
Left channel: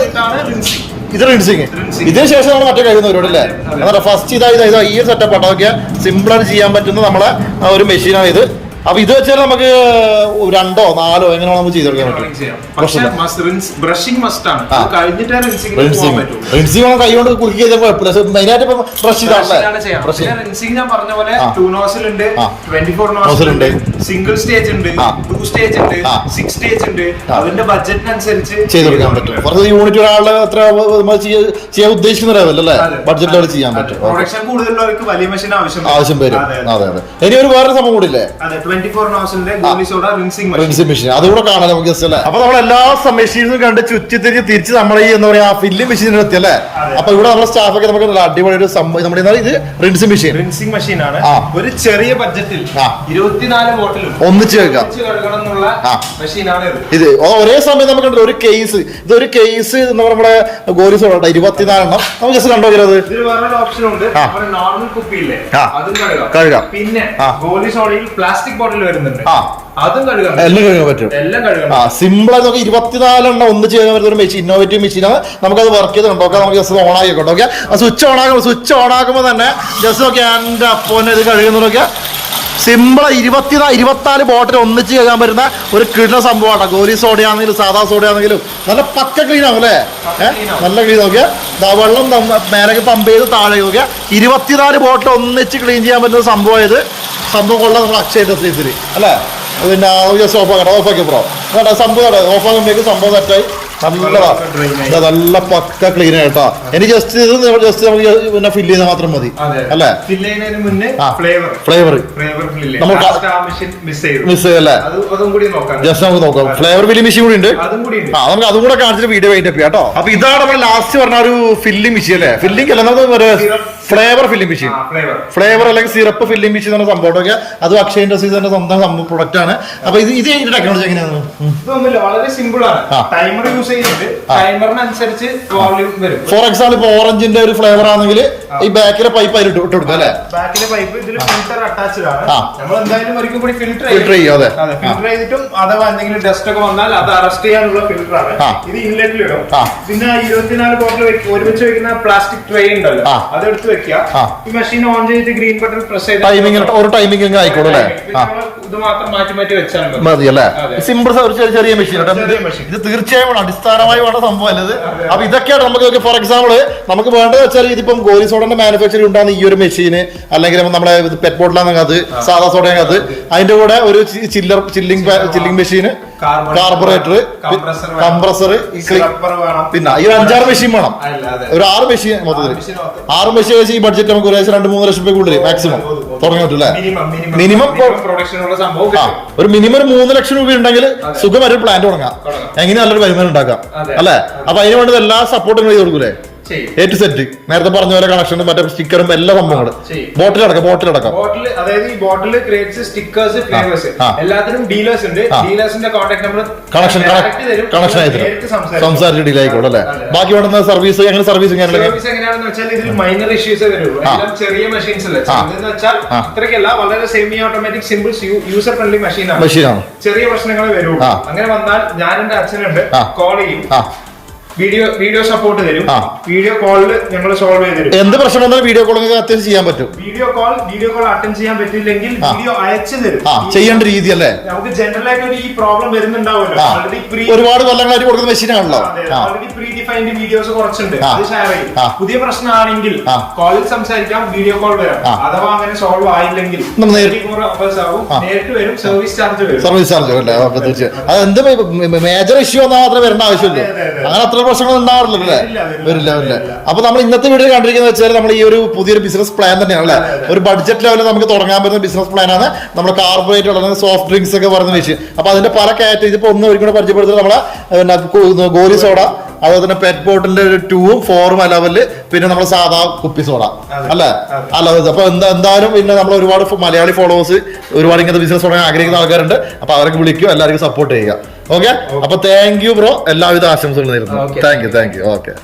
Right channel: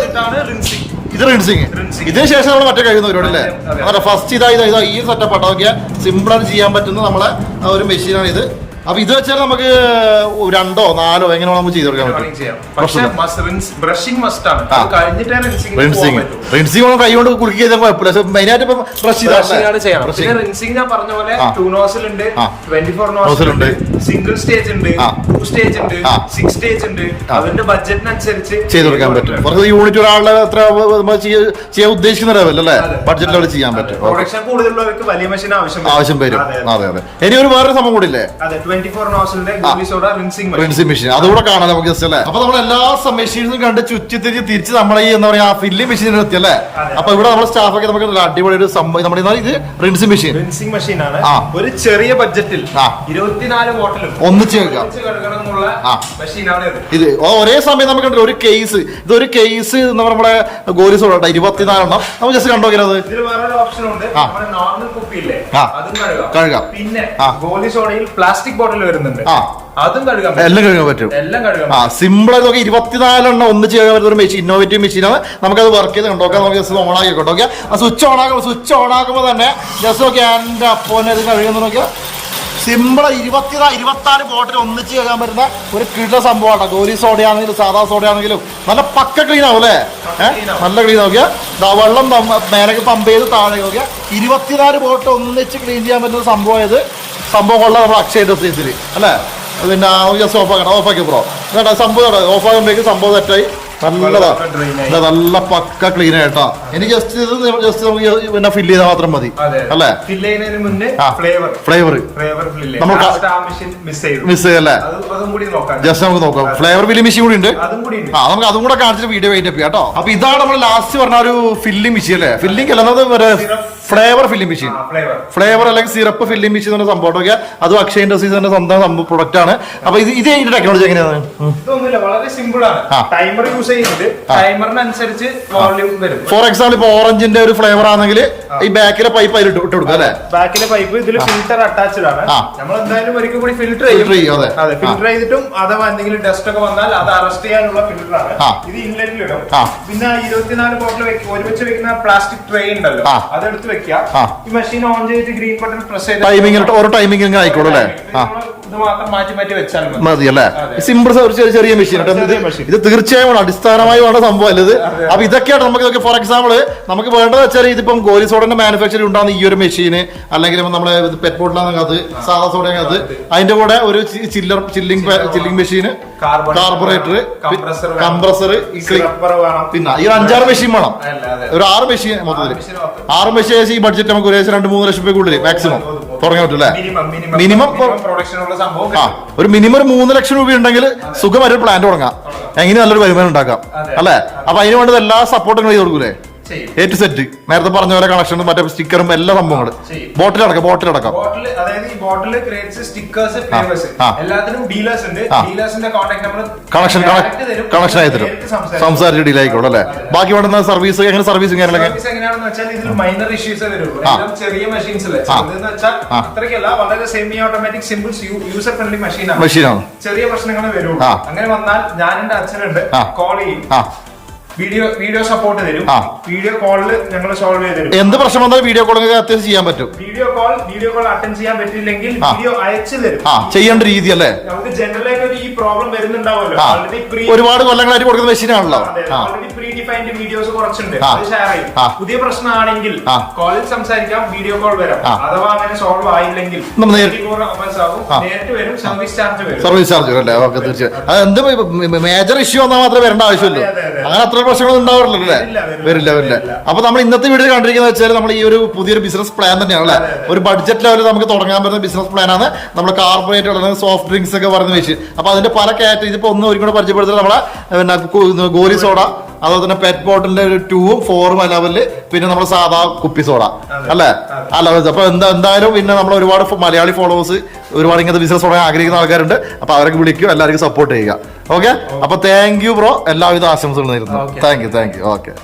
ഇത് റിൻസിങ്. ഇതിന് ശേഷം നമ്മൾ മറ്റേ കഴിയുന്ന പരിപാടി അല്ലേ. അതെ ഫസ്റ്റ് ഇതാ ഇതാ ഇതാ ഈ ഒരു സെറ്റപ്പ് ആട്ടോ നോക്കിയാൽ സിമ്പിൾ ആയിട്ട് ചെയ്യാൻ പറ്റുന്ന നമ്മളെ ഒരു മെഷീനാണ് ഇത്. അപ്പൊ ഇത് വെച്ചാൽ നമുക്ക് രണ്ടോ നാലോ എങ്ങനെ നമുക്ക് ചെയ്തെടുക്കാൻ പറ്റും. ബ്രഷിംഗ് മസ്റ്റ് ആണ് ആ. അത് കഴിഞ്ഞിട്ടേ റിൻസിംഗ് പോകാൻ റിൻസിങ്. റിൻസിങ് കൈ കൊണ്ട് കുളിക്കുക ചെയ്താൽ കുഴപ്പമില്ല. മെയിനായിട്ട് ഇപ്പൊ ബ്രഷ് ചെയ്താണല്ലേ ബ്രഷിങ് റിൻസിംഗ് ഞാൻ പറഞ്ഞ പോലെ. ടു നോസിൽ ഉണ്ട്. ട്വന്റി ഫോർ Nozzle ഉണ്ട്. സിംഗിൾ സ്റ്റേജ് ഉണ്ട്. ടു സ്റ്റേജ് ഉണ്ട്. സിക്സ് സ്റ്റേജ് ഉണ്ട്. അതിന്റെ ബഡ്ജറ്റിനനുസരിച്ച് ചെയ്തെടുക്കാൻ പറ്റും. കുറച്ച് യൂണിറ്റ് ഒരാളുടെ ചെയ്യ- ചെയ്യാൻ ഉദ്ദേശിക്കുന്ന ലെവൽ അല്ലേ? ബഡ്ജറ്റ് ലെവൽ ചെയ്യാൻ പറ്റും. പ്രൊഡക്ഷൻ കൂടുതലുള്ളവർക്ക് വലിയ മെഷീൻ ആവശ്യം ആവശ്യം വരും. അതെ, അതെ. ഇനി ഒരു വേറെ സംഭവം കൂടി റിൻസിംഗ് മെഷീൻ മെഷീൻ അതുകൂടെ കാണാം നമുക്ക് ജസ്റ്റ് അല്ലേ? അപ്പൊ നമ്മൾ എല്ലാ മെഷീൻസും കണ്ട് ചുറ്റി തിരിച്ച് തിരിച്ച് നമ്മുടെ ഈ എന്താ പറയാ ഫില്ലിംഗ് മെഷീനിൽ എത്തി അല്ലേ. അപ്പൊ ഇവിടെ നമ്മുടെ സ്റ്റാഫൊക്കെ നമുക്ക് നല്ല അടിപൊളി ഒരു സംഭവം നമ്മുടെ ഇത്? റിൻസിംഗ് മെഷീൻ റിൻസിംഗ് മെഷീൻ ആണ്. ഒരു ചെറിയ ബഡ്ജറ്റിൽ. ഇരുപത്തിനാല് ബോട്ടിലും ഒന്നിച്ച് വെക്കാം ഇത്. ഇത് ഒരേ സമയം നമുക്ക് കണ്ടില്ല ഒരു കേസ് ഇതൊരു കേസ് എന്ന് പറയുമ്പോൾ നമ്മുടെ ഗോലി സോഡ ഇരുപത്തിനാലെണ്ണം. നമുക്ക് ജസ്റ്റ് കണ്ടോക്കിയത് ഇതിൽ ഓപ്ഷൻ ഉണ്ട്. നോർമൽ കുപ്പിയില്ലേ? കഴുകാം. പിന്നെ. ഗോലി സോഡയിൽ പ്ലാസ്റ്റിക് ബോട്ടിൽ വരുന്നുണ്ട്. ആ. അതും എല്ലാം കഴുകാൻ പറ്റും. എല്ലാം ആ സിമ്പിൾ ആയിട്ട് നോക്കി ഇരുപത്തിനാലെണ്ണം ഒന്ന് ചെയ്യാൻ പറ്റുന്ന ഒരു മെഷീൻ ഇന്നോവേറ്റീവ് മെഷീനാണ് നമുക്കത് വർക്ക് ചെയ്ത് കണ്ടോക്കാം നമുക്ക് ജസ്റ്റ് ഓൺ ആക്കി നോക്കാം ഓക്കെ ആ സ്വിച്ച് ഓൺ ആക്കുമ്പോൾ സ്വിച്ച് ഓൺ ആക്കുമ്പോൾ തന്നെ ജസ്റ്റ് നോക്കി എന്റെ അപ്പോനെ ഇത് കഴുകുന്ന നോക്കിയാൽ സിമ്പിൾ ഇരുപത്തി ഇരുപത്തിനാല് ബോട്ടിൽ ഒന്നിച്ച് ചെയ്യാൻ പറ്റുന്ന ഒരു കിട സംഭവമാണ് ഗോലി സോഡയാണെങ്കിലും സാധാ സോഡയാണെങ്കിലും നല്ല പക്ക ക്ലീൻ ആവും അല്ലേ? നല്ല ക്ലീൻ നോക്കിയാൽ ദാ വെള്ളം മേലെ മേലേക്ക് പമ്പ് ചെയ്ത് താഴെ നോക്കിയാൽ ഇരുപത്തിനാല് ബോട്ടിൽ ഒന്നിച്ച് ക്ലീൻ ചെയ്യാൻ പറ്റുന്ന സംഭവം ഇത് സംഭവം കൊള്ളാം നമ്മൾ അക്ഷയ ഡ്രസ്സീസിൽ അല്ലേ? പിന്നെ ജസ്റ്റ് ആക്കട്ടെ ഓഫ് ആക്കി പ്രോ കേട്ടോ സംഭവം ഓഫ് ആകുമ്പോഴേക്ക് സംഭവം സെറ്റായി നല്ലതാ. ഇതാ നല്ല പക്ക ക്ലീൻ ആയിട്ടാ ഇനി ജസ്റ്റ് ഇത് ജസ്റ്റ് നമുക്ക് പിന്നെ ഫില്ല് ചെയ്താൽ മാത്രം മതി. അല്ലേ. ഫ്ലേവർ നമുക്ക് നമ്മൾ മിസ് ചെയ്യല്ലേ ജസ്റ്റ് നമുക്ക് നോക്കാം. ഫ്ലേവർ ഫില്ലിംഗ് മെഷീൻ കൂടി ഉണ്ട്. ആ നമുക്ക് അതും കൂടെ കാണിച്ചിട്ട് വീഡിയോ വെയിറ്റ് ചെയ്യാം കേട്ടോ. അപ്പൊ ഇതാണ് നമ്മൾ ലാസ്റ്റ് പറഞ്ഞ ഒരു ഫില്ലിംഗ് മെഷീൻ അല്ലേ? ഫില്ലിംഗ് അല്ല നമ്മൾ ഫ്ലേവർ ഫില്ലിംഗ് മെഷീൻ ഫ്ലേവർ അല്ലെങ്കിൽ സിറപ്പ് ഫില്ലിംഗ് മെഷീൻ എന്ന സംഭവമൊക്കെ അത് അക്ഷയ ഇൻഡസ്ട്രീസ് തന്നെ സ്വന്തം പ്രൊഡക്റ്റ് ആണ്. അപ്പൊ ഇത് ഇത് ഇതിന്റെ ടെക്നോളജി എങ്ങനെയാണ്. വളരെ സിമ്പിൾ ആണ്. ടൈമർ യൂസ് ചെയ്യുന്നത് ടൈമറിനനുസരിച്ച് വോളിയം വരും. ഫോർ എക്സാമ്പിൾ ഇപ്പൊ ഓറഞ്ചിന്റെ ഒരു ഫ്ലേവർ ആണെങ്കിൽ ഈ ബാക്കിലെ പൈപ്പ് അതിൽ ഇട്ട് ഇട്ട് കൊടുക്കുക അല്ലേ ബാക്കിലെ പൈപ്പ് ഇതിൽ ഫിൽറ്റർ അറ്റാച്ച്ഡ് ആണ്. നമ്മൾ എന്തായാലും ഒരിക്കൽ കൂടി ഫിൽറ്റർ ഫിൽറ്റർ ചെയ്യും. അതെ. ഫിൽറ്റർ ചെയ്തിട്ടും അഥവാ എന്തെങ്കിലും ഡസ്റ്റ് ഒക്കെ വന്നാൽ അത് അറസ്റ്റ് ചെയ്യാനുള്ള ഫിൽറ്റർ ആണ്. ഇത് ഇൻലെറ്റിൽ വരും. പിന്നെ ഇരുപത്തിനാല് ബോട്ടിൽ ഒരുമിച്ച് വെക്കുന്ന പ്ലാസ്റ്റിക് ട്രേ ഉണ്ടല്ലോ. ആ. വെക്കുക ഈ മെഷീൻ ഓൺ ചെയ്തിട്ട് ഗ്രീൻ ബട്ടൺ പ്രസ് ചെയ്ത് ടൈമിംഗ് ഒരു ടൈമിംഗ് ആയിക്കോളും അല്ലേ? ആ. മതി. അല്ലേ. സിമ്പിൾ ചെറിയ മെഷീൻ ഇത് തീർച്ചയായും അടിസ്ഥാനമായി വേണ്ട സംഭവം അല്ലേ ഇത് അപ്പൊ ഇതൊക്കെയാണ് നമുക്ക് ഫോർ എക്സാമ്പിൾ നമുക്ക് വേണ്ടത് വെച്ചാൽ ഇതിപ്പം ഗോലി സോഡന്റെ മാനുഫാക്ചറിംഗ് ഉണ്ടാകുന്ന ഈ ഒരു മെഷീൻ അല്ലെങ്കിൽ നമ്മളെ പെറ്റ് ബോട്ടിലാണെങ്കിൽ അത് സാധാ സോഡയാണെങ്കിൽ അത്. അതിന്റെ കൂടെ ഒരു chiller chilling chilling Carbon- carburettor. Compressor പിന്നെ ഈ ഒരു അഞ്ചാറ് മെഷീൻ വേണം. ഒരു ആറ് മെഷീൻ മൊത്തത്തിൽ ആറ് മെഷീൻ വെച്ച് ഈ ബഡ്ജറ്റ് നമുക്ക് ഒരു രണ്ട് മൂന്ന് ലക്ഷം രൂപ കൂടുതൽ മാക്സിമം തുടങ്ങാൻ പറ്റും അല്ലേ? മിനിമം ആ ഒരു മിനിമം ഒരു മൂന്ന് ലക്ഷം രൂപ ഉണ്ടെങ്കിൽ സുഖമായിട്ട് ഒരു പ്ലാന്റ് തുടങ്ങാം. എങ്ങനെ നല്ലൊരു വരുമാനം ഉണ്ടാക്കാം. അല്ലേ? അപ്പൊ അതിന് വേണ്ടത് എല്ലാ സപ്പോർട്ടും ചെയ്ത് കൊടുക്കൂലേ? എ ടു സെറ്റ് നേരത്തെ പറഞ്ഞ പോലെ കണക്ഷനും മറ്റേ സ്റ്റിക്കറും എല്ലാ സംഭവങ്ങളും. ചെയ്യും. ബോട്ടിലടക്കം ബോട്ടിലടക്കം ബോട്ടിൽ അതായത് ഈ ബോട്ടിൽ ക്രിയേറ്റ്സ് സ്റ്റിക്കേഴ്സ് ഫ്ലേവേഴ്സ് ആ. എല്ലാത്തിനും ഡീലേഴ്സ് ഉണ്ട്. ഡീലേഴ്സിന്റെ കോൺടാക്ട് നമ്മൾ കണക്ഷൻ കണക്ഷൻ ആയി തരും. സംസാരിച്ച് ഡീൽ ആയിക്കോളും അല്ലെ? ബാക്കി വേണ്ടുന്ന സർവീസ് എങ്ങനെ സർവീസ് കാര്യങ്ങളൊക്കെ സർവീസ് എങ്ങനെയാണെന്ന് വെച്ചാൽ ഇതിൽ മൈനർ ഇഷ്യൂസ് വരുള്ളൂ. ചെറിയ മെഷീൻസ് അല്ലേ? എന്ന് വെച്ചാൽ. അത്രയ്ക്കല്ല വളരെ semi automatic simple user friendly മെഷീനാണ് മെഷീനാണ് ചെറിയ പ്രശ്നങ്ങളെ വരുള്ളൂ. അങ്ങനെ വന്നാൽ ഞാൻ എന്റെ അച്ഛനുണ്ട്. കോൾ ചെയ്യും. വീഡിയോ വീഡിയോ സപ്പോർട്ട് തരും. വീഡിയോ കോളിൽ ഞങ്ങൾ സോൾവ് ചെയ്ത് എന്ത് പ്രശ്നം വന്നാലും വീഡിയോ കോളിംഗ് അത്യാവശ്യം ചെയ്യാൻ പറ്റും. Video call video call attend ചെയ്യാൻ പറ്റില്ലെങ്കിൽ വീഡിയോ അയച്ചു തരും. ആ ചെയ്യേണ്ട രീതി അല്ലേ? നമുക്ക് ജനറൽ ആയിട്ട് ഒരു ഈ പ്രോബ്ലം വരുന്നുണ്ടാവുമല്ലോ. ഒരുപാട് കൊല്ലങ്ങളായിട്ട് കൊടുക്കുന്ന മെഷീനാണല്ലോ ഓൾറെഡി പ്രീ ഡിഫൈൻഡ് വീഡിയോസ് കുറച്ചുണ്ട് അത് ഷെയർ ചെയ്യും. പുതിയ പ്രശ്നമാണെങ്കിൽ കോളിൽ സംസാരിക്കാം വീഡിയോ കോൾ വരാം. അഥവാ അങ്ങനെ സോൾവ് ആയില്ലെങ്കിൽ നമ്മൾ നേരി- 24 hours ആവും. ആ. നേരിട്ട് വരും സർവീസ് ചാർജ് വരും. സർവീസ് ചാർജ് അല്ലേ? ഓക്കെ തീർച്ചയായും. അത് എന്ത് മേജർ ഇഷ്യൂ വന്നാൽ മാത്രമേ വരേണ്ട അതെ. അങ്ങനെ അത്ര പ്രശ്നങ്ങൾ ഉണ്ടാവാറില്ലല്ലോ അല്ലേ? വരില്ല, വരില്ല. അപ്പൊ നമ്മൾ ഇന്നത്തെ വീഡിയോ കണ്ടിരിക്കുന്നത് വെച്ചാൽ നമ്മൾ ഈ ഒരു പുതിയൊരു ബിസിനസ് പ്ലാൻ തന്നെയാണ് അല്ലേ? ഒരു ബഡ്ജറ്റ് ലെവലിൽ നമുക്ക് തുടങ്ങാൻ പറ്റുന്ന ബിസിനസ് പ്ലാൻ ആണ്. നമ്മൾ കാർബറേറ്റ് അല്ലെങ്കിൽ സോഫ്റ്റ് ഡ്രിങ്ക്സ് ഒക്കെ പറയുന്ന വിഷയം അപ്പൊ അതിന്റെ പല കാറ്റഗറി ഇപ്പൊ ഒന്ന് ഒരിക്കലും പരിചയപ്പെടുത്തുന്നത് നമ്മളെ പിന്നെ ഗോലി സോഡ അതുപോലെ തന്നെ പെറ്റ് ബോട്ടിലിന്റെ ഒരു ടൂവും ഫോറും അലവൽ പിന്നെ നമ്മൾ സാധാ കുപ്പി സോഡ. അല്ലേ? അല്ല അപ്പൊ എന്താ എന്തായാലും പിന്നെ നമ്മൾ ഒരുപാട് മലയാളി ഫോളോവേഴ്സ് ഒരുപാട് ഇങ്ങനത്തെ ബിസിനസ് തുടങ്ങാൻ ആഗ്രഹിക്കുന്ന ആൾക്കാരുണ്ട്. അപ്പൊ അവരൊക്കെ വിളിക്കും എല്ലാവർക്കും സപ്പോർട്ട് ചെയ്യുക. ഓക്കെ അപ്പൊ താങ്ക് യു ബ്രോ എല്ലാവിധ ആശംസകളും നേരുന്നു. Thank you thank you okay